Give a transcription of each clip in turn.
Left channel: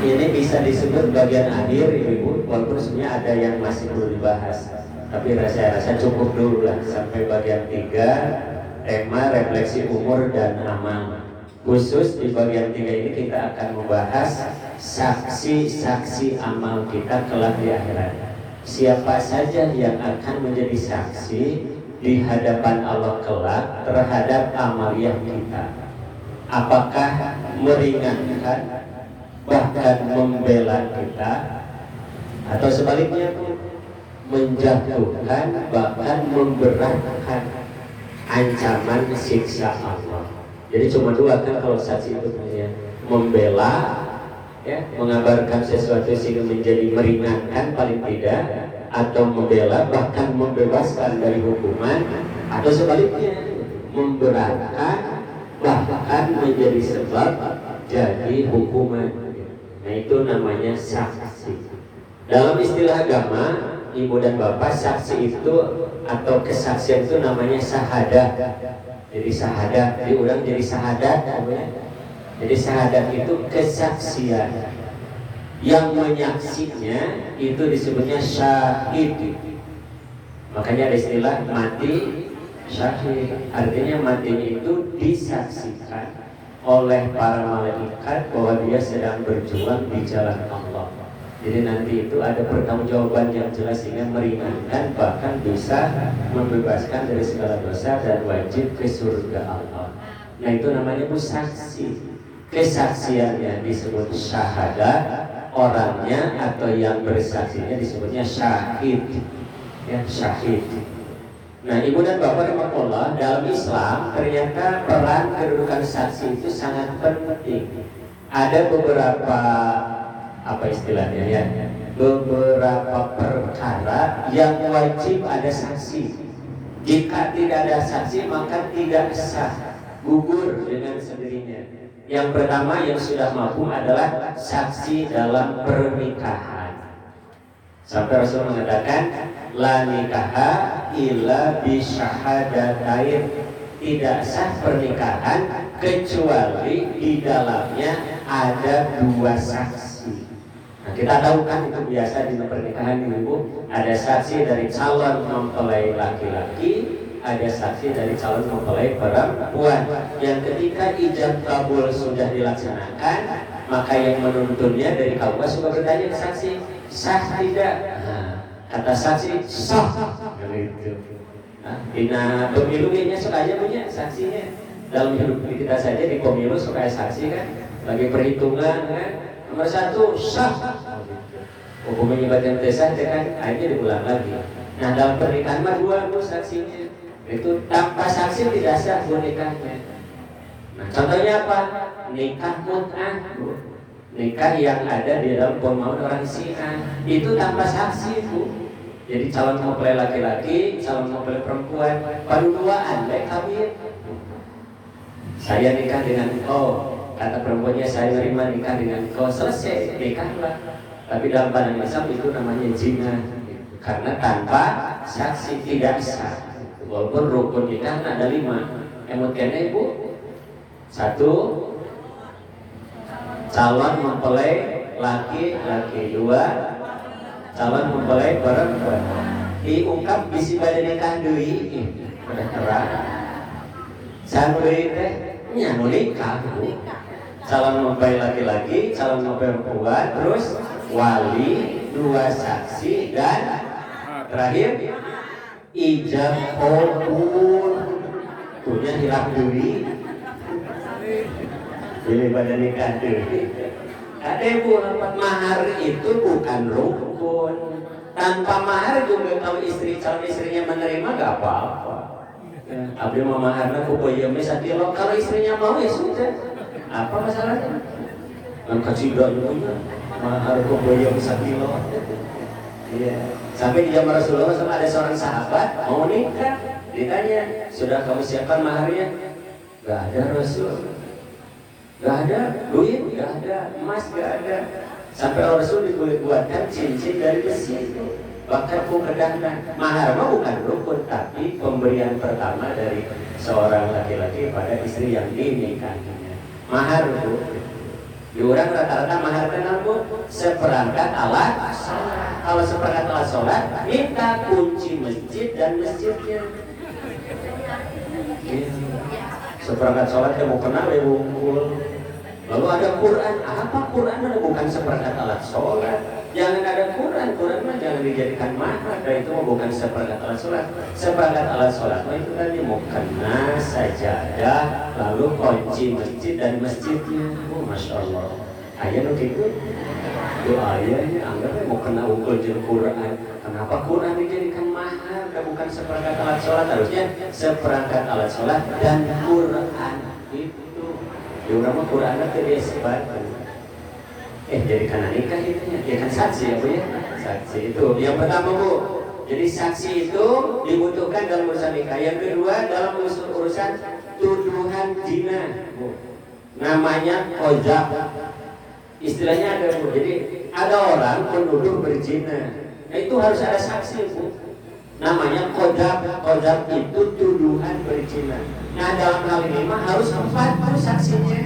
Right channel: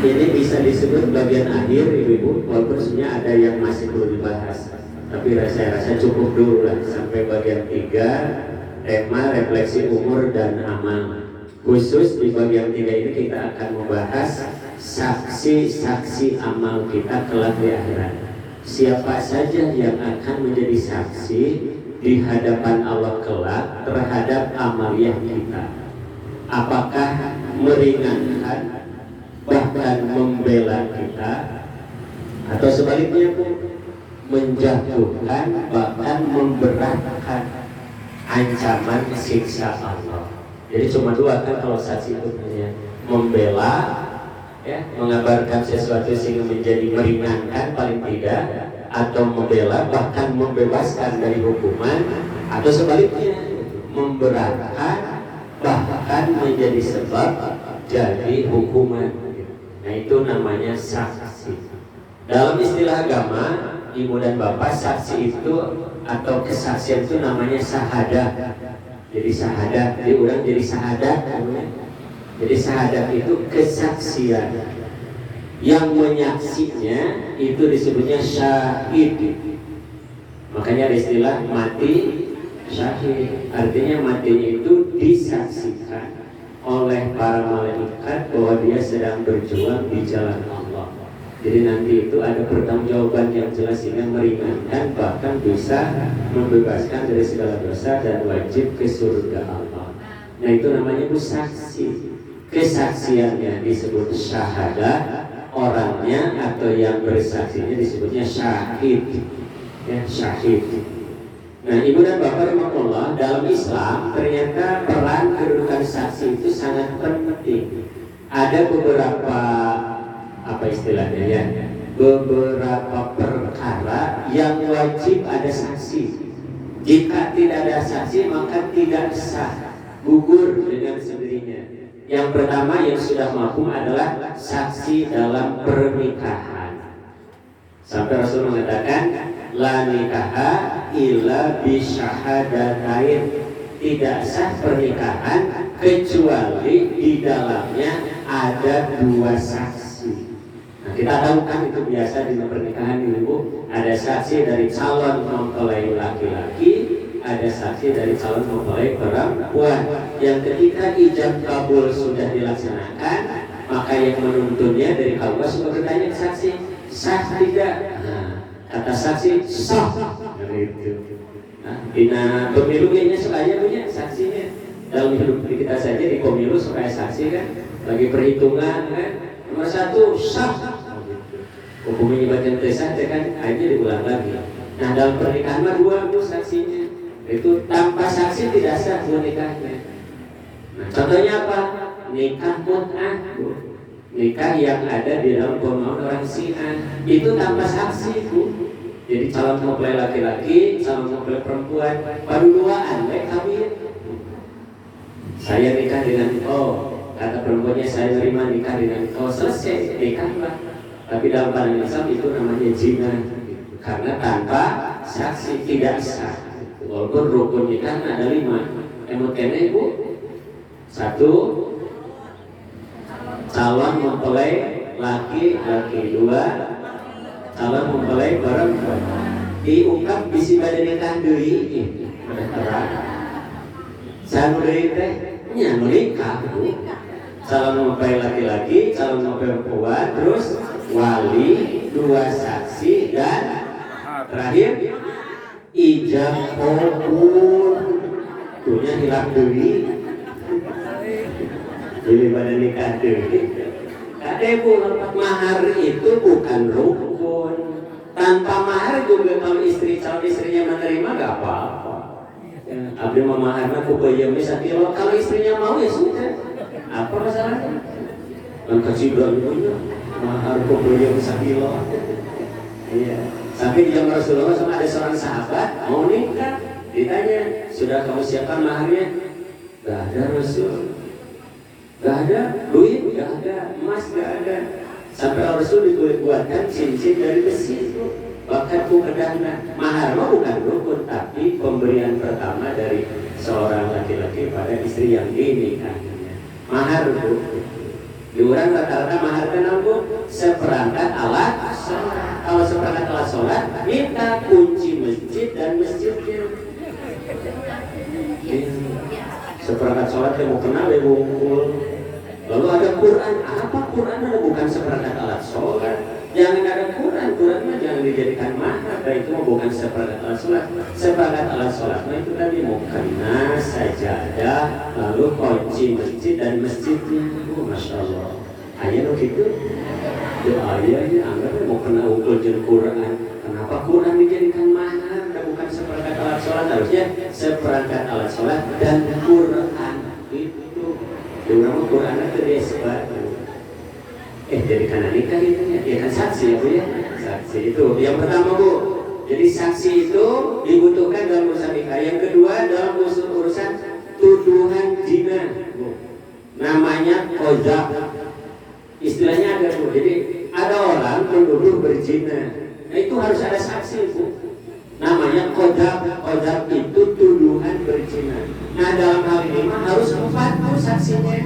Ini bisa disebut bagian akhir ibu-ibu, walaupun sebenarnya ada yang masih perlu dibahas. Tapi saya rasa cukup dulu lah sampai bagian 3, tema refleksi umur dan amal. Khusus di bagian 3 ini kita akan membahas saksi-saksi amal kita kelak di akhirat. Siapa saja yang akan menjadi saksi di hadapan Allah kelak terhadap amaliyah kita? Apakah meringankan, bahkan membela kita, atau sebaliknya menjatuhkan, bahkan memberatkan ancaman siksa Allah? Jadi cuma dua kan kalau saksi itu punya, membela, ya, mengabarkan sesuatu sehingga menjadi meringankan paling tidak, atau membela bahkan membebaskan dari hukuman, atau sebaliknya memberatkan bahkan menjadi sebab jadi hukuman. Nah itu namanya saksi. Dalam istilah agama, ibu dan bapak, saksi itu atau kesaksian itu namanya syahadah. Jadi syahadat diulang jadi syahadat. Jadi syahadat itu kesaksian. Yang menyaksinya itu disebutnya syahid. Makanya ada istilah mati syahid. Artinya matinya itu disaksikan oleh para malaikat bahwa dia sedang berjuang di jalan Allah. Jadi nanti itu ada pertanggungjawaban yang jelas sehingga meringankan, bahkan bisa membebaskan dari segala dosa dan wajib ke surga Allah. Nah itu namanya saksi. Kesaksiannya disebut syahadah, orangnya atau yang bersaksinya disebutnya syahid. Ya, syahid. Nah ibu dan bapak rahimakumullah, dalam Islam ternyata peran kedudukan saksi itu sangat penting. Ada beberapa apa istilahnya ya, beberapa perkara yang wajib ada saksi. Jika tidak ada saksi maka tidak sah, gugur dengan sendirinya. Yang pertama yang sudah mafhum adalah saksi dalam pernikahan. Sampai Rasul mengatakan la nikaha illa bisyahadatain, tidak sah pernikahan kecuali di dalamnya ada dua saksi. Nah, kita tahu kan itu biasa di pernikahan ibu, ada saksi dari calon mempelai laki-laki, ada saksi dari calon mempelai perempuan. Yang ketika ijab kabul sudah dilaksanakan, maka yang menuntunnya dari Allah sudah bertanya ke saksi, sah tidak? Nah, kata saksi sah. Gitu. Nah, bina pemilu kayaknya soalnya punya saksinya. Dalam hidup kita saja di pemilu supaya saksi kan, bagi perhitungan kan. Nomor 1 sah. Hukumnya ibadah desa kan aja diulang lagi. Nah dalam pernikahan mah dua saksinya. Itu tanpa saksi tidak sah nikahnya. Nah, contohnya apa? Nikah mut'ah, nikah yang ada di dalam pemahaman orang Syiah itu tanpa saksi bu. Jadi calon mempelai laki-laki, calon mempelai perempuan, paduduaan baik kawin. Saya nikah dengan kata perempuannya saya terima nikah dengan selesai nikahlah. Tapi dalam pandangan Islam itu namanya zina, karena tanpa saksi tidak sah. Walaupun rukun nikah ada 5. Emotnya bu, 1 calon mempelai laki-laki, 2 calon mempelai perempuan. Diungkap bisi pada nikah deui udah terang. Sampai teh nya nikah bu. Calon mempelai laki-laki, calon mempelai perempuan, terus wali, 2 saksi dan terakhir ijab kabul. Punya hilap deui. Pilih pada nikah deui. Adapun mahar itu bukan rukun. Tanpa mahar juga kalau calon istrinya menerima gak apa-apa. Ya, abdi mau maharnya kubayam sakilo, kalau istrinya mau ya sudah. Apa masalahnya? Angkat cibrang punya mahar kubayam sakilo. Iya. Sampai di zaman Rasulullah ada seorang sahabat mau nikah, ditanya sudah kamu siapkan maharnya? Gak ada Rasul. Gak ada, duit gak ada, emas gak ada. Sampai Rasul dibuatkan cincin dari besi, bahkan kedana. Mahar mah bukan rukun, tapi pemberian pertama dari seorang laki-laki pada istri yang dinikahinya. Mahar itu Di orang rata-rata mahar kenal bu seperangkat alat sholat. Kalau seperangkat alat sholat, minta kunci masjid dan masjidnya. Seperangkat sholat yang mau kenal ya bungkul. Lalu ada Quran, apa Quran ada bukan seperangkat alat sholat. Jangan ada Quran jangan dijadikan mahar. Dan itu bukan seperangkat alat sholat. Seperangkat alat sholat itu tadi mau kena sajadah, lalu kunci masjid dan masjidnya. Masya Allah. Ayah begitu. Ayahnya anggap mau kena ukul jeung Quran. Kenapa Quran dijadikan mahar dan bukan seperangkat alat sholat? Harusnya seperangkat alat sholat dan Quran itu. Di orang Quran itu dia sebarkan. Jadi karena nikah itu ya kan saksi ya bu ya. Saksi itu yang pertama bu. Jadi saksi itu dibutuhkan dalam urusan nikah. Yang kedua dalam urusan tuduhan zina bu. Namanya qadzaf. Istilahnya ada bu. Jadi ada orang menuduh berzina. Nah itu harus ada saksi bu. Namanya qadzaf. Qadzaf itu tuduhan berzina. Nah dalam hal ini mah harus 4 saksinya.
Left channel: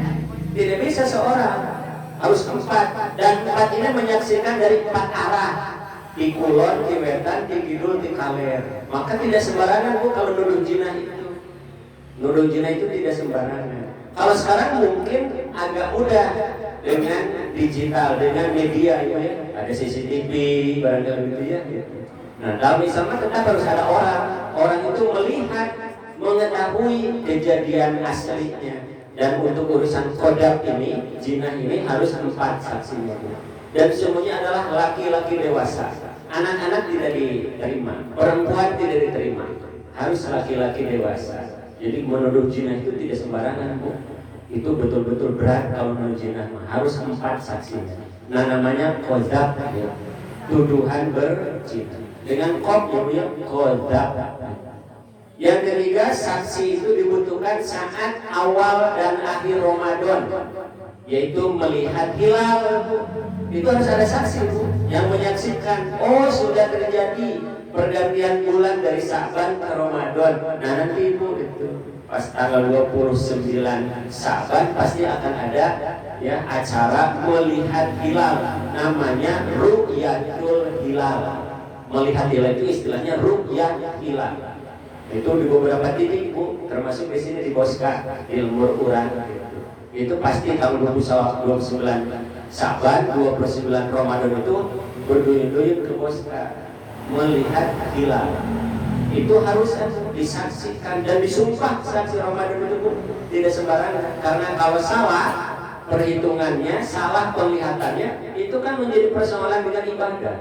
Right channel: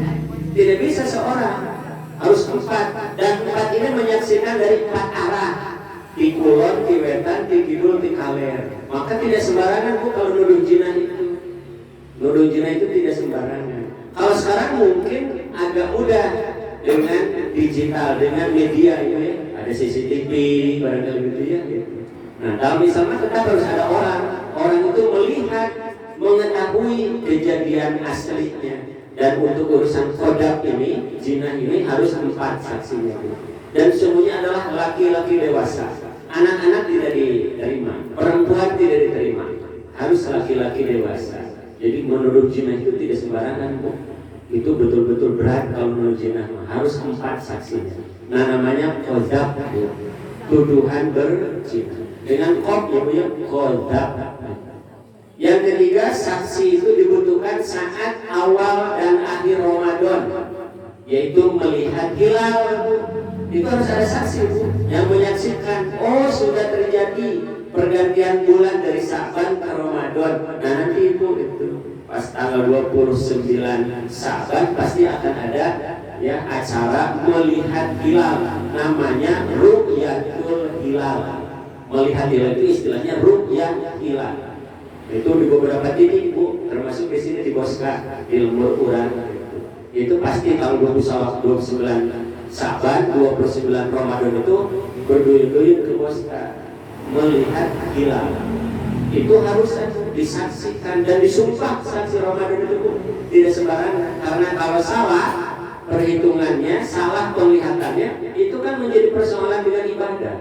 Tidak bisa seorang. Harus 4 dan 4 ini menyaksikan dari 4 arah, di kulon, di wetan, di kidul, di kaler. Maka tidak sembarangan bu kalau nuduh zina itu. Nuduh zina itu tidak sembarangan. Kalau sekarang mungkin agak mudah dengan digital, dengan media itu ya. Ada CCTV, barangkali gitu ya. Nah kalau misalnya tetap harus ada orang itu melihat, mengetahui kejadian aslinya. Dan untuk urusan qadzaf ini, zina ini harus 4 saksinya. Dan semuanya adalah laki-laki dewasa. Anak-anak tidak diterima, perempuan tidak diterima. Harus laki-laki dewasa. Jadi menuduh zina itu tidak sembarangan bu. Itu betul-betul berat kalau menuduh zina. Harus 4 saksinya. Nah namanya qadzaf, ya. Tuduhan berzina. Dengan qaf ya, qadzaf. Yang ketiga, saksi itu dibutuhkan saat awal dan akhir Ramadan, yaitu melihat hilal. Itu harus ada saksi yang menyaksikan, oh sudah terjadi pergantian bulan dari Sa'ban ke Ramadan. Nah nanti itu pas tanggal 29 Sa'ban pasti akan ada ya acara melihat hilal, namanya ru'yatul hilal. Melihat hilal itu istilahnya ru'yat hilal. Itu di beberapa titik bu, termasuk di sini di Boska, di Lembur Urang. Itu pasti kalau 29 Sa'ban, 29 Ramadan itu berduyun-duyun ke Boska melihat hilal. Itu harus disaksikan dan disumpah saksi Ramadan itu bu. Tidak sembarangan, karena kalau salah perhitungannya, salah penglihatannya, itu kan menjadi persoalan dengan ibadah.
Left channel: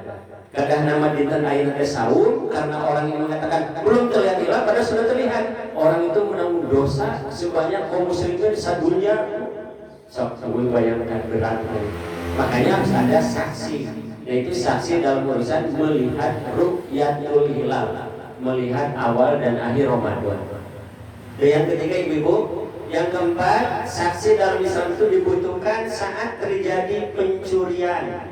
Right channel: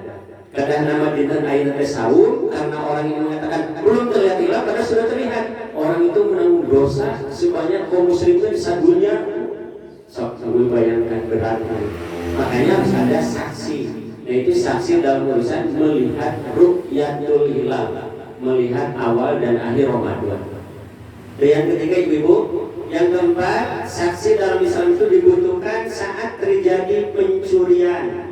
Kadang nama dinten ayeuna teh sahur karena orang yang mengatakan belum terlihat hilal padahal sudah terlihat. Orang itu menanggung dosa sebanyak kaum muslimin sadunya. Sok bayangkan beratnya. Makanya harus ada saksi. Yaitu saksi dalam urusan melihat ru'yatul hilal, melihat awal dan akhir Ramadan. Dan yang ketiga ibu-ibu, yang keempat, saksi dalam Islam itu dibutuhkan saat terjadi pencurian.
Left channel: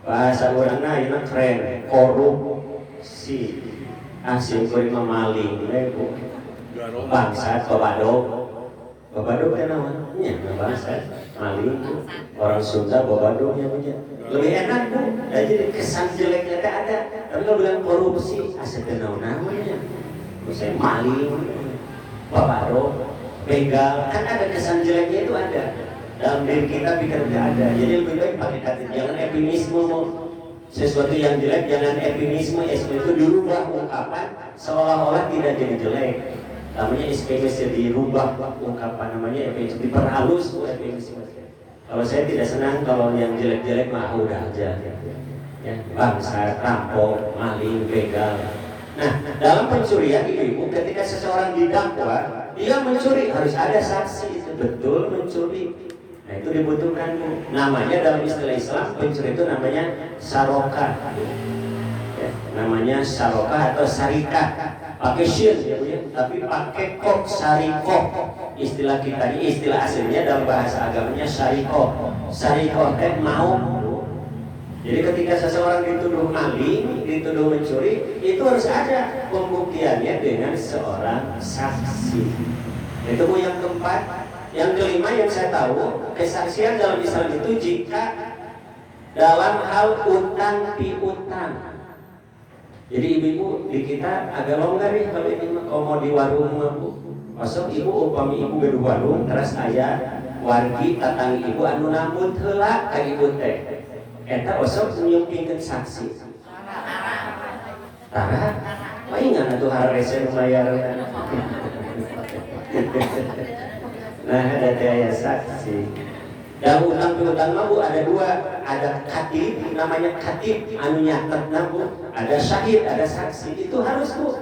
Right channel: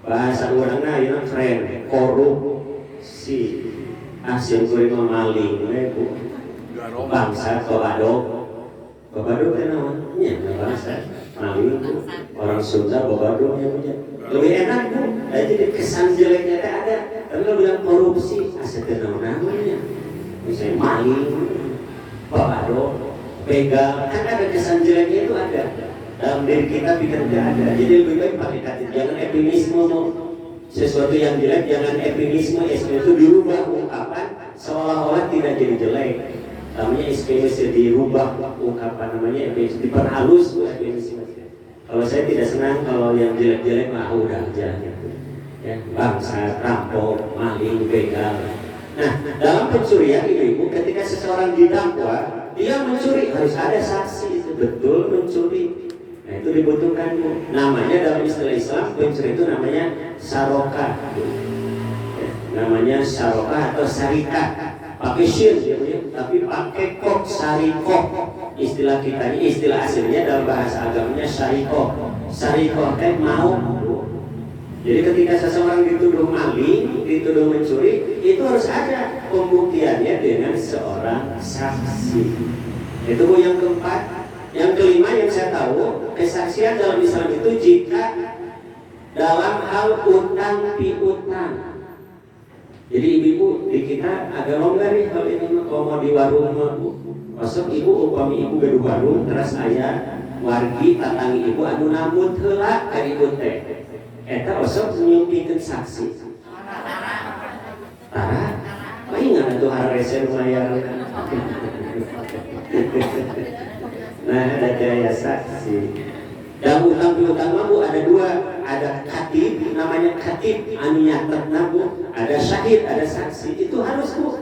Bahasa orangnya ini keren, korupsi, hasil kurima maling, bangsa babado kan namanya, bangsa maling itu orang Sunda babado namanya. Lebih enak tuh, jadi kesan jeleknya tak ada. Tapi kalau bilang korupsi, asal kenal namanya, misalnya maling, babado, begal, kan ada kesan jeleknya itu ada. Dalam diri kita pikir tidak ada. Jadi lebih baik pakai kata, jangan epinisme sesuatu yang jelek, jangan epinisme itu dirubah ungkapan seolah-olah tidak jadi jelek. Namanya epinisme dirubah ungkapan, namanya epinisme diperhalus epinisme. Kalau saya tidak senang kalau yang jelek-jelek mah udah aja. Ya, bangsa, rampok, maling, begal. Nah, dalam pencurian ibu, ketika seseorang didakwa, dia mencuri harus ada saksi itu betul mencuri. Nah itu dibutuhkan bu. Namanya dalam istilah Islam pencuri itu namanya sarokah ya, namanya sarokah atau sarikah. Pakai syin ya, tapi pakai kok sarikoh. Istilah kita ini istilah aslinya dalam bahasa agamanya sarikoh. Sarikoh teh mau. Jadi ketika seseorang dituduh maling, dituduh mencuri, itu harus ada pembuktiannya dengan seorang saksi. Itu bu yang keempat. Yang kelima yang saya tahu, kesaksian dalam Islam itu jika dalam hal utang piutang. Jadi ibu-ibu di kita agak longgar nih kalau ini kalau mau di warung masuk ibu upami ibu di warung terus aya wargi tatangi ibu anu nambut heula ka ibu teh. Eta osok nyumpikeun saksi. Tara, ingat tuh haresen bayar. Nah, ada kayak saksi. Dalam utang piutang Bu ada dua, ada katib, namanya katib anu nyatetna Bu, ada syahid, ada saksi. Itu harus Bu.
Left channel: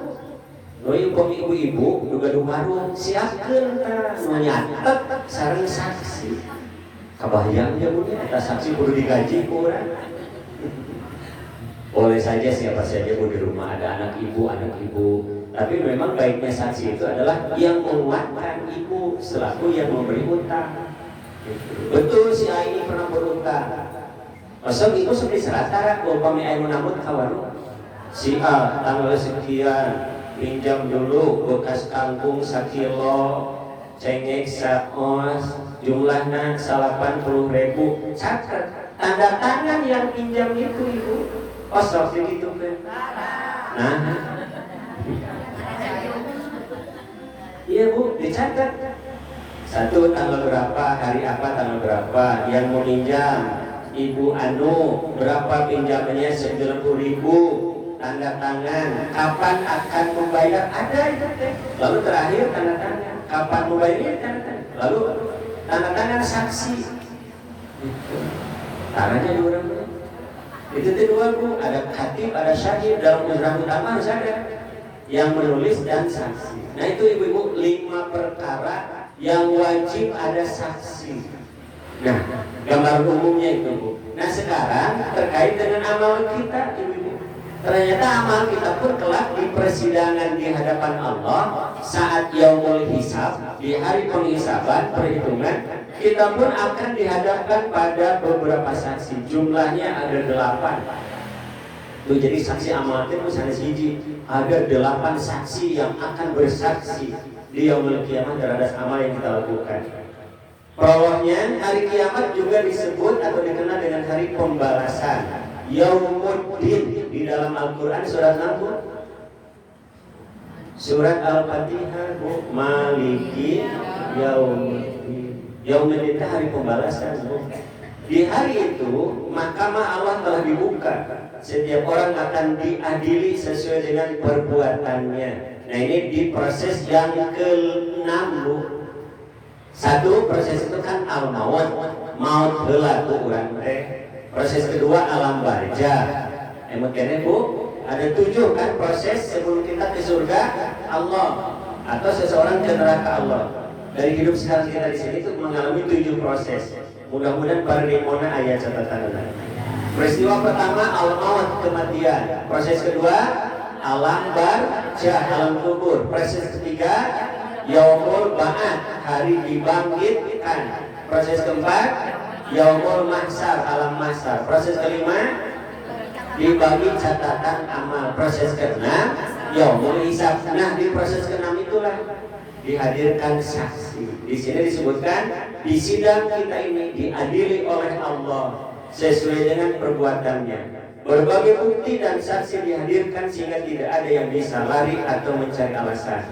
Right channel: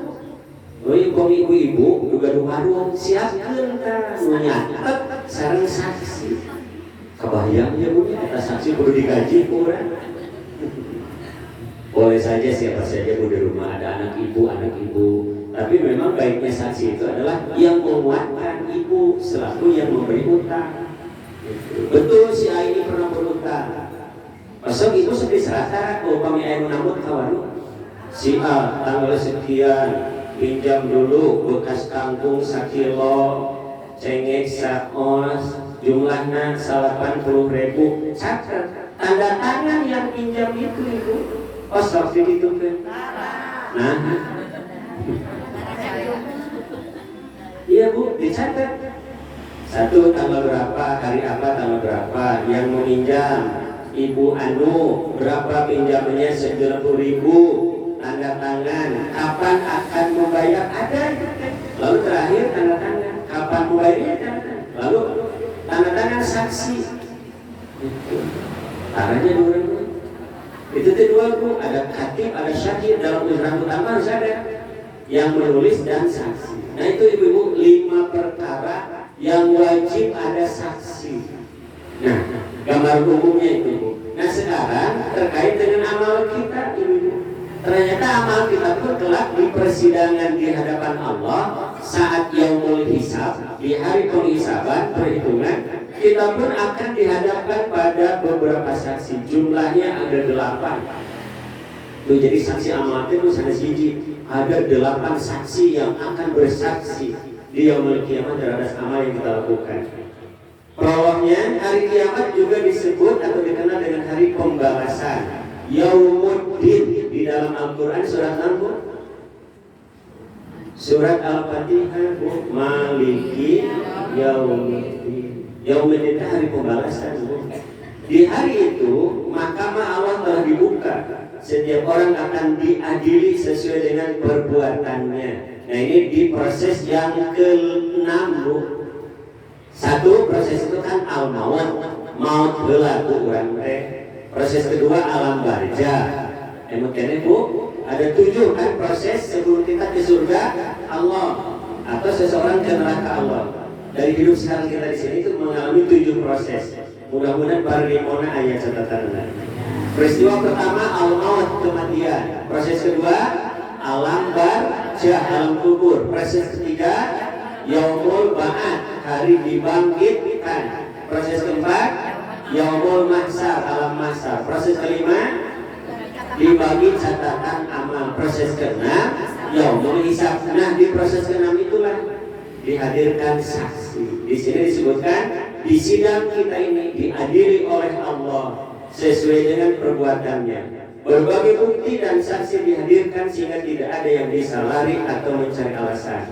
Ibu-ibu juga di warung siapkeun ka nu nyatet sareng saksi. Kebayang ya Bu, kita saksi perlu digaji ku urang. Boleh saja siapa saja Bu di rumah ada anak ibu, tapi memang baiknya saksi itu adalah yang menguatkan ibu selaku yang memberi utang. Betul si A ini pernah berutang. Pasal ibu sedih serata kalau kami ayah menambut kawan si A tanggal sekian pinjam dulu bekas kangkung sakilo cengek sakos jumlahnya 80.000 catat tanda tangan yang pinjam itu ibu osok begitu kan. Nah iya Bu dicatat satu tanggal berapa, hari apa tanggal berapa, yang meminjam ibu anu berapa pinjamannya 90.000, tanda tangan, kapan akan membayar ada itu kan. Lalu terakhir tanda tangan, kapan membayarnya tanda tangan. Lalu tanda tangan saksi. Caranya dua itu kedua Bu, ada katib, ada syahid dalam undang utama harus ada yang menulis dan saksi. Nah itu ibu-ibu 5 perkara yang wajib ada saksi. Nah, gambar umumnya itu Bu. Nah sekarang terkait dengan amal kita ibu-ibu. Ternyata amal kita pun kelak di persidangan di hadapan Allah saat yaumul hisab, di hari penghisaban, perhitungan, kita pun akan dihadapkan pada beberapa saksi. Jumlahnya ada 8. Tuh, jadi saksi amal itu ada siji, ada 8 saksi yang akan bersaksi di yaumul kiamat terhadap amal yang kita lakukan. Prolognya, hari kiamat juga disebut atau dikenal dengan hari pembalasan, Yaumuddin. Di dalam Al-Quran surat apa? Surat Al-Fatihah, Maliki Yaumiddin. Yaumiddin itu hari pembalasan. Di hari itu mahkamah Allah telah dibuka. Setiap orang akan diadili sesuai dengan perbuatannya. Nah ini di proses yang ke-6 Bu. Satu proses itu kan al-maut, maut heula ku urang teh. Proses kedua alam barja. Makanya Bu, ada 7 kan proses sebelum kita ke surga Allah atau seseorang ke neraka Allah. Dari hidup sekarang kita di sini itu mengalami 7 proses. Mudah-mudahan para dimona ayat catatan. Peristiwa pertama al-maut, kematian. Proses kedua alam barjah, alam kubur. Proses ketiga yaumul ba'ats, hari dibangkitkan. Proses keempat yaumul mahsyar, alam mahsyar. Proses kelima dibagi catatan amal. Proses keenam yaumul hisab. Nah di proses keenam itulah dihadirkan saksi. Di sini disebutkan di sidang kita ini diadili oleh Allah sesuai dengan perbuatannya. Berbagai bukti dan saksi dihadirkan sehingga tidak ada yang bisa lari atau mencari alasan.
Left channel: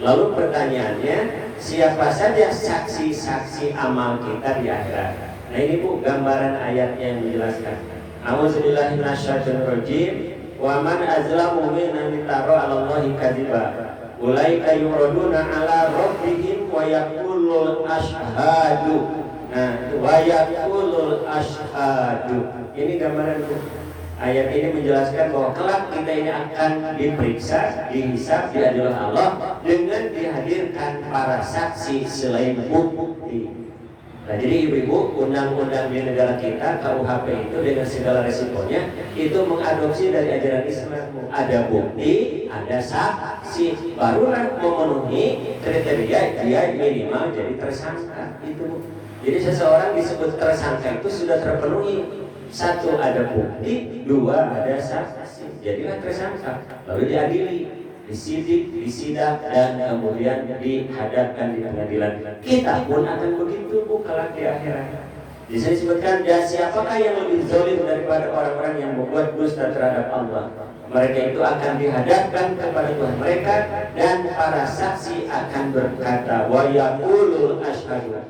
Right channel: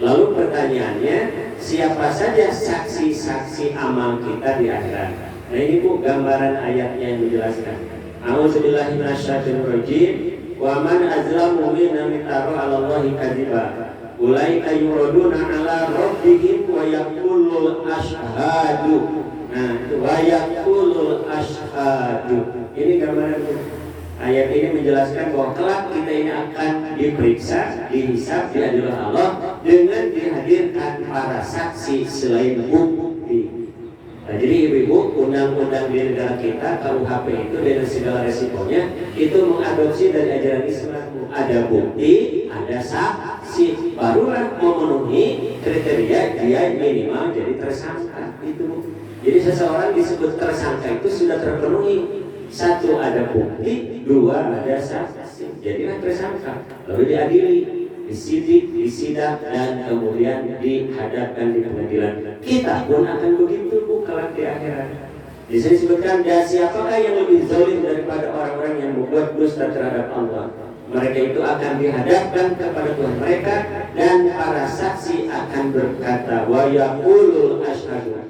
Lalu pertanyaannya, siapa saja saksi-saksi amal kita di akhirat? Nah ini Bu gambaran ayatnya yang menjelaskan. A'udzubillahi minasyaitonirrajim. Wa man azlamu mimman iftara 'ala Allahi kadziba. Ulaika yuraduna 'ala rabbihim wa yaqulul asyhadu. Nah, wa yaqulul asyhadu. Ini gambaran Bu. Ayat ini menjelaskan bahwa kelak kita ini akan diperiksa, dihisab, diadili Allah dengan dihadirkan para saksi selain bukti. Nah, jadi ibu-ibu, undang-undang di negara kita, KUHP itu dengan segala resikonya itu mengadopsi dari ajaran Islam. Ada bukti, ada saksi, barulah memenuhi kriteria dia minimal jadi tersangka. Itu. Jadi seseorang disebut tersangka itu sudah terpenuhi. 1 ada bukti, 2 ada saksi. Jadilah tersangka, lalu diadili. disidik, disidang, dan kemudian dihadapkan di pengadilan. Kita pun akan begitu kelak di akhirat. Di sini disebutkan, dan siapakah yang lebih zalim daripada orang-orang yang membuat dusta terhadap Allah? Mereka itu akan dihadapkan kepada Tuhan mereka, dan para saksi akan berkata, wa yaqulul asyhadu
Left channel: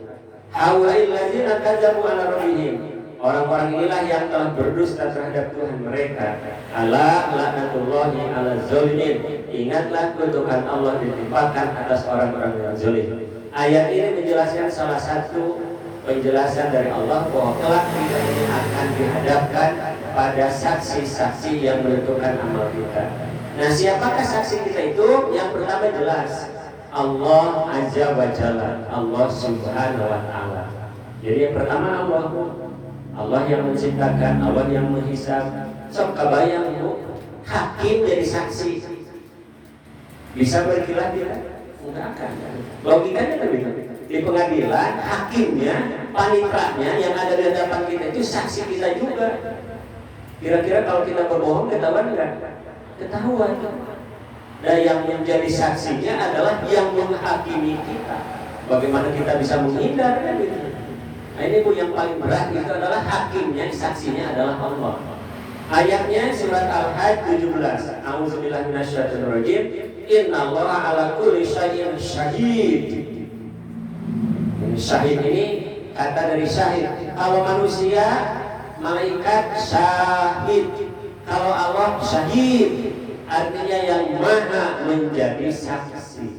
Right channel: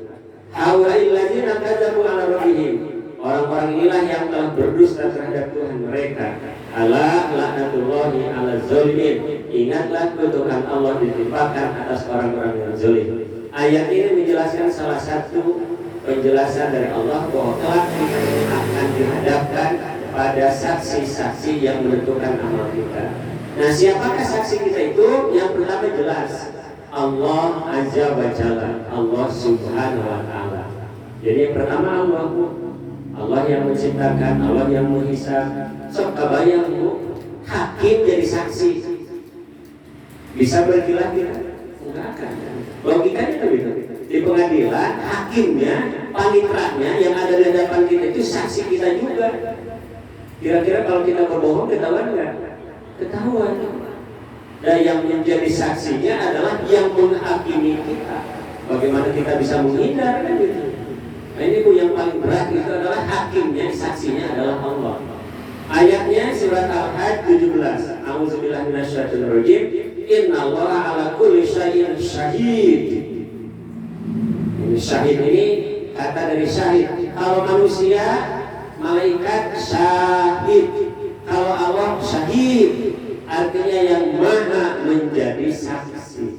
haula'il ladzina kadzabu ala rabbihim. Orang-orang inilah yang telah berdusta terhadap Tuhan mereka. Ala la'natullahi ala zalimin. Ingatlah kutukan Allah ditimpakan atas orang-orang yang zalim. Ayat ini menjelaskan salah satu penjelasan dari Allah bahwa kelak kita ini akan dihadapkan pada saksi-saksi yang menentukan amal kita. Nah, siapakah saksi kita itu? Yang pertama jelas, Allah Azza wa Jalla, Allah Subhanahu wa Ta'ala. Jadi yang pertama Allah yang menciptakan, Allah yang menghisab. Sok kabayang Bu, hakim jadi saksi. Bisa berkilah-kilah? Enggak akan. Logikanya begitu. Di pengadilan, hakimnya, panitranya yang ada di hadapan kita itu saksi kita juga. Kira-kira kalau kita berbohong ketahuan enggak? Ketahuan. Dan yang menjadi saksinya adalah yang menghakimi kita. Bagaimana kita bisa menghindar kan gitu. Nah, ini Bu yang paling berat itu adalah hakimnya, saksinya adalah Allah. Ayatnya surat Al-Hajj 17. A'udzubillahi minasyaitonir rajim. Innallaha 'ala kulli syai'in syahid. Ini syahid ini kata dari syahid. Kalau manusia, malaikat syahid. Kalau Allah syahid, artinya yang maha menjadi saksi.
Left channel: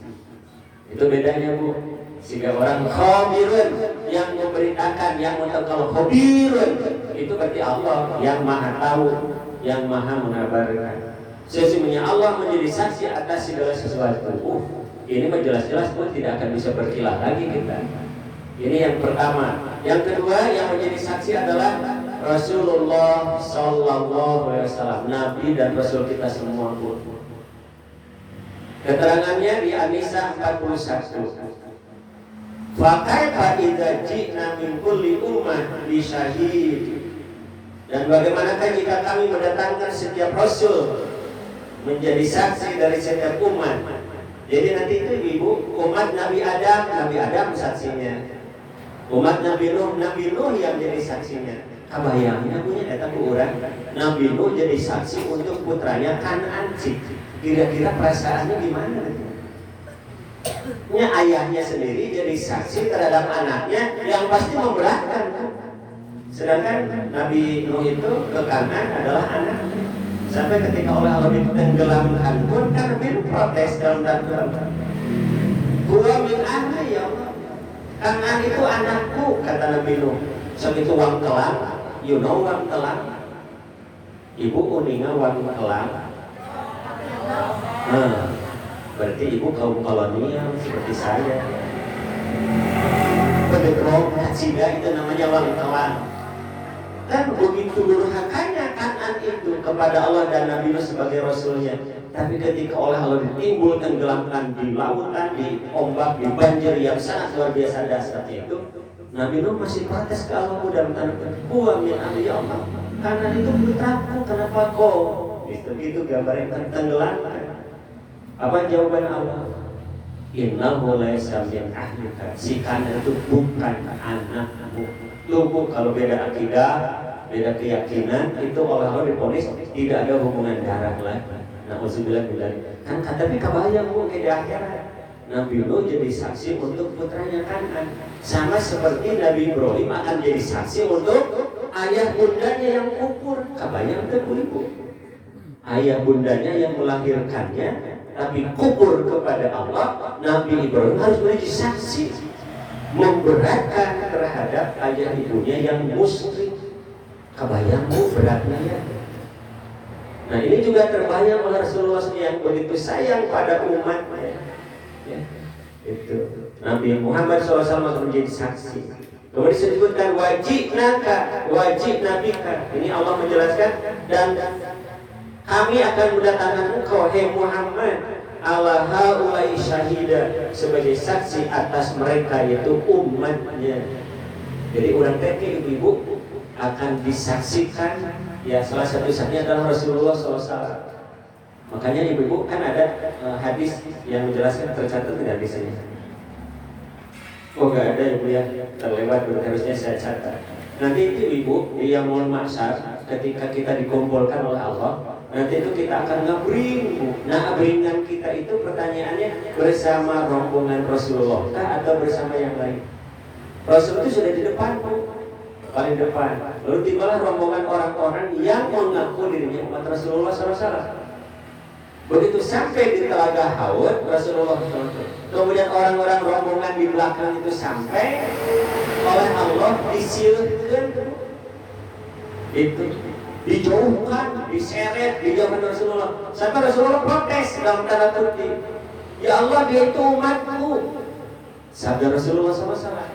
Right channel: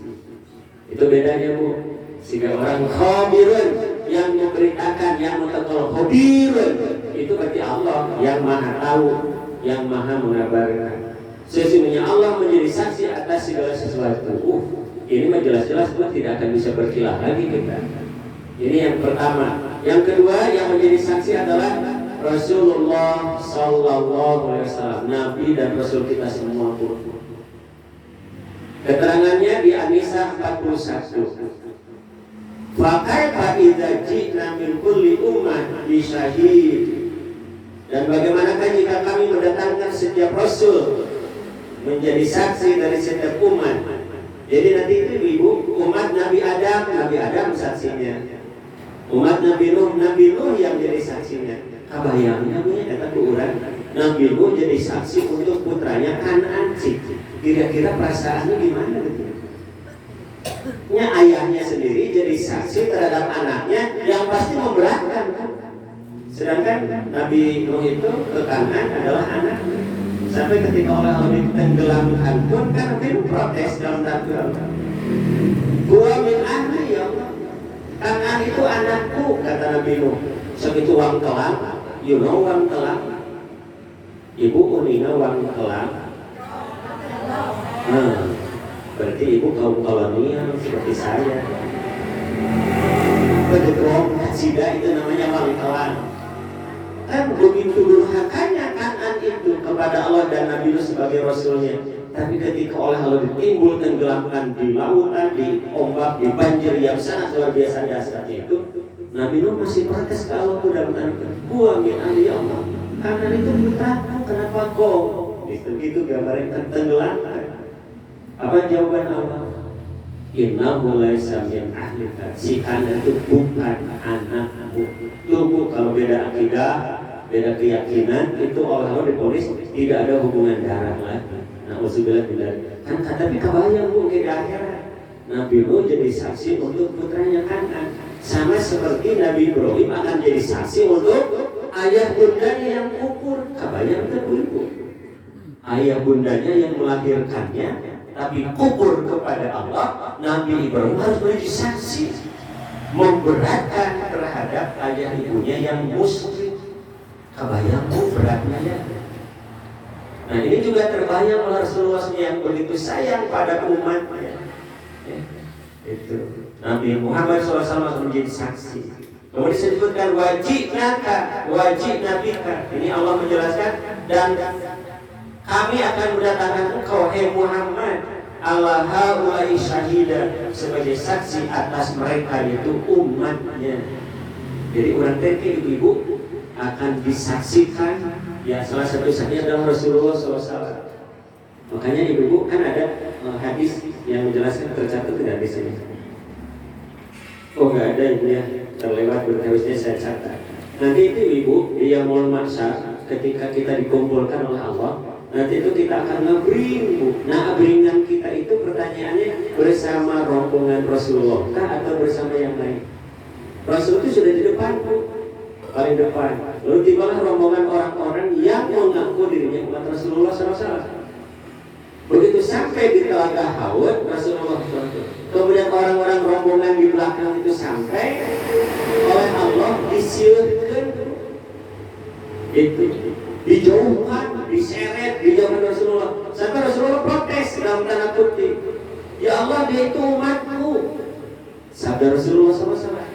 Itu bedanya Bu. Sehingga orang khabirun yang memberitakan, yang mengetahui khabirun itu berarti Allah yang maha tahu, yang maha mengabarkan. Sesungguhnya Allah menjadi saksi atas segala sesuatu. Ini mah jelas-jelas Bu tidak akan bisa berkilah lagi kita. Ini yang pertama. Yang kedua yang menjadi saksi adalah Rasulullah Sallallahu Alaihi Wasallam, Nabi dan Rasul kita semua Bu. Keterangannya di An-Nisa 41. Fakaifa idza ji'na min kulli ummah bi syahid. Dan bagaimanakah jika kami mendatangkan setiap rasul menjadi saksi dari setiap umat? Jadi nanti itu Ibu, umat Nabi Adam saksinya. Umat Nabi Nuh yang jadi saksinya. Kabayangnya punya kata orang Nabi Nuh jadi saksi untuk putranya Kanan. Kira-kira perasaannya gimana? Ayahnya sendiri jadi saksi terhadap anaknya yang pasti memberatkan kan? Sedangkan Nabi Nuh itu ke Kanan adalah anaknya. Sampai ketika oleh Allah ditenggelamkan pun kan Nabi protes dalam dakwah. Gua min anak ya Allah. Kanan itu anakku kata Nabi Nuh. Segitu uang kelak, you know uang kelak. Ibu uninga uang kelak. Berarti Ibu kaum kolonial seperti saya. Bedegong Cida itu namanya bangkalan. Kan begitu durhakanya Kanan itu kepada Allah dan Nabi Nuh sebagai Rasulnya. Tapi ketika oleh Allah ditimbul tenggelamkan di lautan, di ombak, di banjir yang sangat luar biasa dahsyatnya itu, Nabi Nuh masih protes ke Allah dan berkata, "Gua min ya Allah. Kanan itu putraku, kenapa kau?" Itu gambaran tenggelamkan. Apa jawaban Allah? Innahu laysa min ahlika. Si Kanan itu bukan anakmu. Tunggu, kalau beda akidah, beda keyakinan, itu Allah diponis tidak ada hubungan darah lagi. Nauzubillah billahi. Kan tapi kabayang Bu ke akhirat. Nabi Nuh jadi saksi untuk putranya Kanan. Sama seperti Nabi Ibrahim akan jadi saksi untuk ayah bundanya yang kufur. Kabayang itu Bu. Ayah bundanya yang melahirkannya tapi kufur kepada Allah, Nabi Ibrahim harus menjadi saksi memberatkan terhadap ayah ibunya yang musyrik. Kabayang Bu beratnya ya. Nah ini juga terbayang oleh Rasulullah yang begitu sayang pada umatnya. Ya, itu Nabi Muhammad SAW menjadi saksi. Kemudian disebutkan wajib nabika. Ini Allah menjelaskan dan kami akan mendatangkan engkau hai Muhammad ala haula'i syahida sebagai saksi atas mereka yaitu umatnya. Jadi orang teke ibu akan disaksikan ya salah satu saksinya adalah Rasulullah SAW. Makanya ibu-ibu kan ada hadis yang menjelaskan, tercatat tidak di sini? Oh nggak ada ibu ya, terlewat, harusnya saya catat. Nanti itu ibu di yaumul mahsyar ketika kita dikumpulkan oleh Allah, nanti itu kita akan ngebring bu. Nah abringan kita itu pertanyaannya bersama rombongan Rasulullah kah atau bersama yang lain? Rasul itu sudah di depan bu, paling depan. Lalu tibalah rombongan orang-orang yang mengaku dirinya umat Rasulullah SAW. Begitu sampai di telaga Haud, Rasulullah SAW, kemudian orang-orang rombongan di belakang itu sampai oleh Allah disiurkan, itu dijauhkan, diseret, dijauhkan Rasulullah. Sampai Rasulullah protes dalam tanda kutip, ya Allah dia itu umatku. Sabda Rasulullah SAW.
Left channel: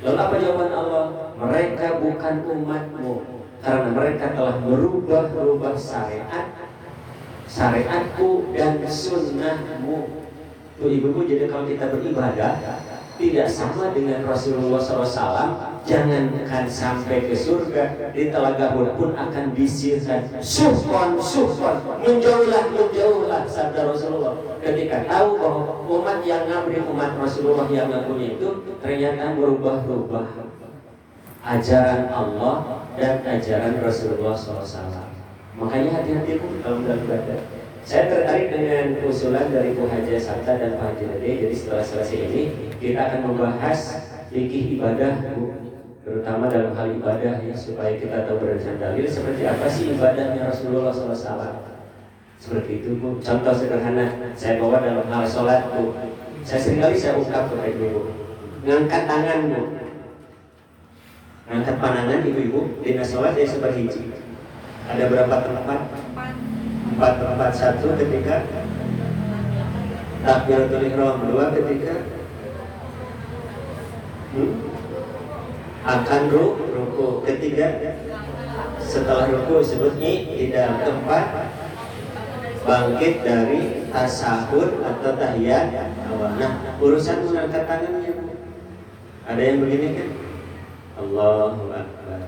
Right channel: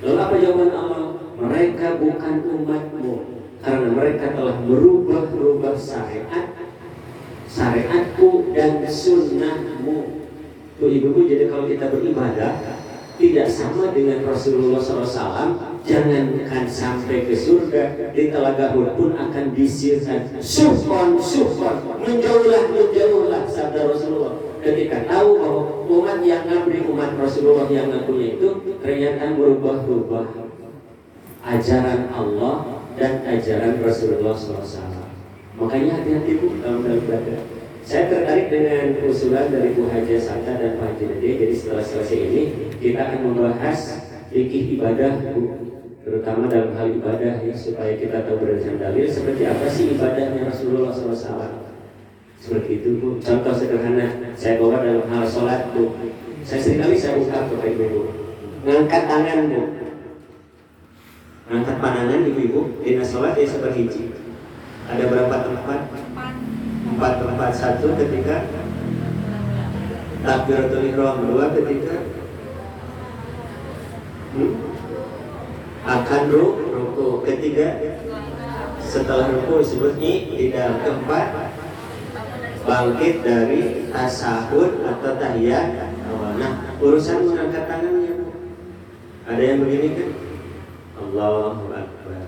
Lalu apa jawaban Allah? Mereka bukan umatmu karena mereka telah merubah syariatku dan sunnahmu. Tuh ibu-ibu, jadi kalau kita beribadah tidak sama dengan Rasulullah SAW, jangankan sampai ke surga, di telaga Hud pun akan disirkan. Suhon, menjauhlah sabda Rasulullah. Ketika tahu bahwa umat yang ngabri umat Rasulullah yang ngakunya itu ternyata berubah-ubah ajaran Allah dan ajaran Rasulullah SAW. Makanya hati-hati bu dalam beribadah. Saya tertarik dengan usulan dari Bu Haja Santa dan Pak Haji Nadia. Jadi setelah selesai ini kita akan membahas fikih ibadah bu, terutama dalam hal ibadah ya, supaya kita tahu berdasarkan dalil seperti apa sih ibadahnya Rasulullah SAW. Seperti itu bu. Contoh sederhana saya bawa dalam hal sholat bu. Saya seringkali saya ungkap kepada ibu, ngangkat tangan bu, angkat pandangan ibu-ibu. Dina sholat ya seperhiji. Ada berapa tempat? 4 tempat. 1 ketika takbiratul ihram, 2 ketika akan ruku, ketiga setelah ruku disebutnya tidak, keempat bangkit dari tasahud atau tahiyat. Nah urusan mengangkat tangannya ada yang begini kan, Allahu Akbar,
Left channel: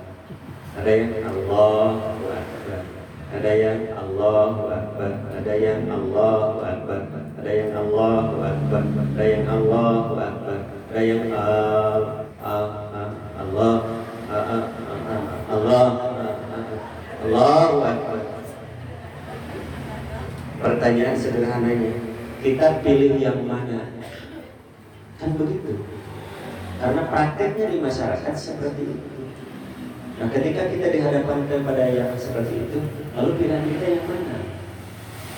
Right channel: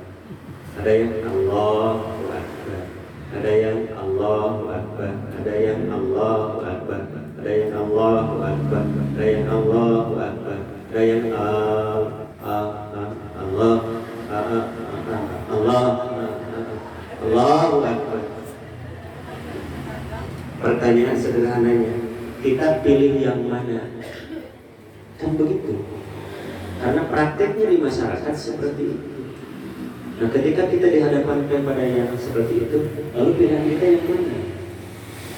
ada yang Allahu Akbar, ada yang Allahu Akbar, ada yang Allahu Akbar, ada yang Allahu Akbar, ada yang Allahu Akbar, ada yang Allahu Akbar. Pertanyaan sederhananya, kita pilih yang mana? Kan begitu. Karena prakteknya di masyarakat seperti itu. Nah ketika kita dihadapkan kepada yang seperti itu, lalu pilihan kita yang mana?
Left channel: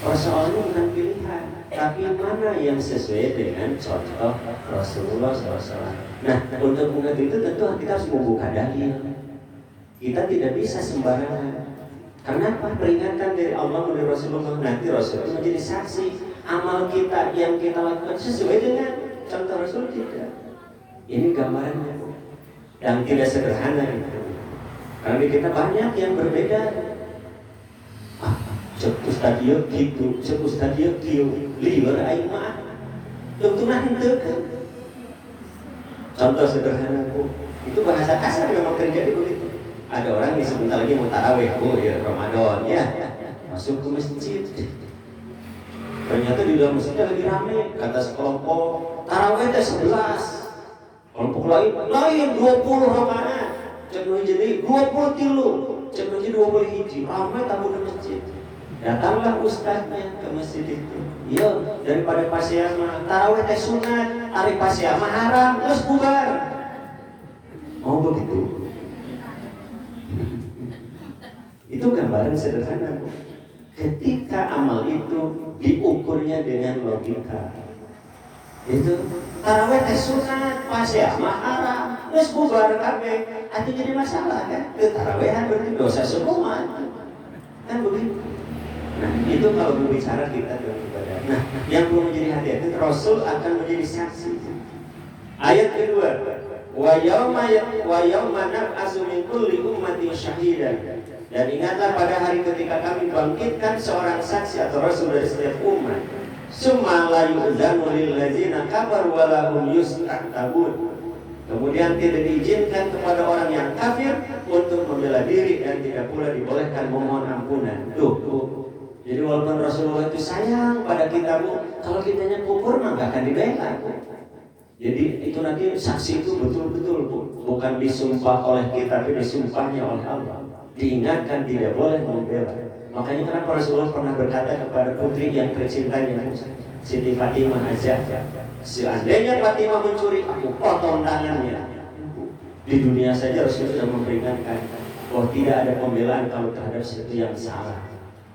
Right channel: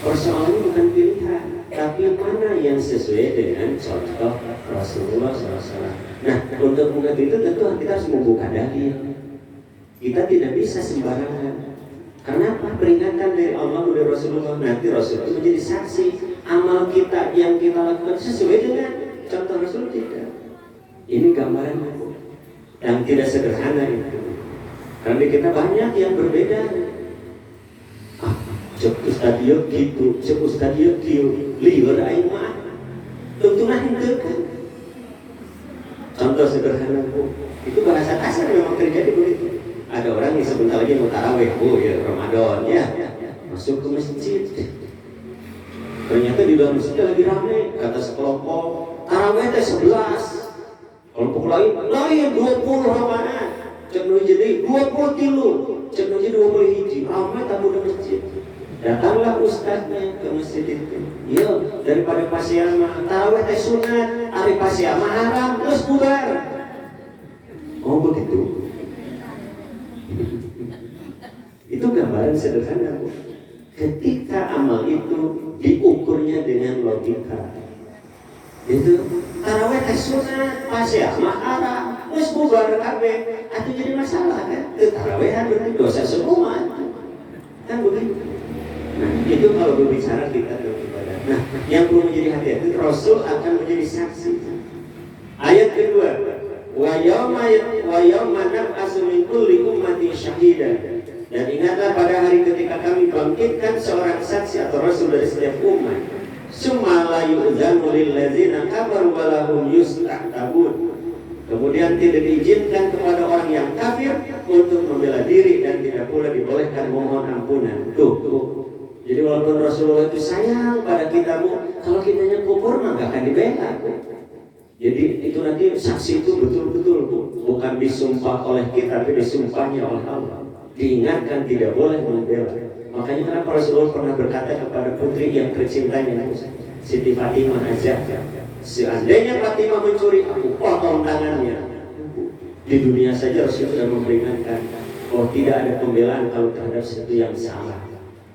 Persoalannya bukan pilihan, tapi mana yang sesuai dengan contoh Rasulullah SAW. Nah untuk mengerti itu tentu kita harus membuka dalil. Kita tidak bisa sembarangan. Karena peringatan dari Allah melalui Rasulullah, nanti Rasul itu menjadi saksi amal kita yang kita lakukan sesuai dengan contoh Rasul tidak. Ini gambarannya yang tidak sederhana itu. Karena di kita banyak yang berbeda. Cek ustadio gitu, cek ustadio gitu, liur aima, tentulah itu kan. Contoh sederhana bu, itu bahasa kasar memang terjadi begitu. Ada orang yang sebentar lagi mau tarawih bu, ya Ramadan ya, masuk ke masjid. Ternyata di dalam masjid lagi ramai, kata sekelompok tarawih 11, kelompok lain 20 Ramadan. Cenderung jadi 20 kilo, cenderung jadi 20 hiji, ramai tamu di masjid. Datanglah ustaznya ke masjid itu. Ya, daripada pasiama tarawih teh sunat, hari pasiama haram, terus bubar. Oh begitu. Itu gambaran sederhana bu. Ketika amal itu diukurnya dengan logika, itu tarawih teh sunat, pasiama haram, terus bubar kabeh. Itu jadi masalah kan? Tarawehan itu dosa semua kan begitu. Nah itu kalau berbicara kita dengan ibadah. Nah yang perlu menjadi hati-hati, Rasul akan menjadi saksi. Ayat kedua, wa yawma nab'atsu min kulli ummatin syahidan. Dan ingatlah pada hari ketika kami bangkitkan seorang saksi atau Rasul dari setiap umat. Summa la yu'dzanu lil ladzina kafaru wa lahum yusta'tabun. Kemudian tidak diizinkan kepada orang yang kafir untuk membela diri dan tidak pula dibolehkan memohon ampunan. Tuh. Jadi walaupun Rasulullah itu sayang pada kita Bu, kalau kitanya kufur mah gak akan dibela Bu. Jadi itu nanti saksi itu betul-betul Bu, bukan disumpah oleh kita, tapi disumpahnya oleh Allah. Diingatkan tidak boleh membela. Makanya kenapa Rasulullah pernah berkata kepada putri yang tercintanya Siti Fatimah aja, seandainya Fatimah mencuri, aku potong tangannya. Di dunia saja Rasulullah memperingatkan, oh tidak ada pembelaan kalau terhadap sesuatu yang salah.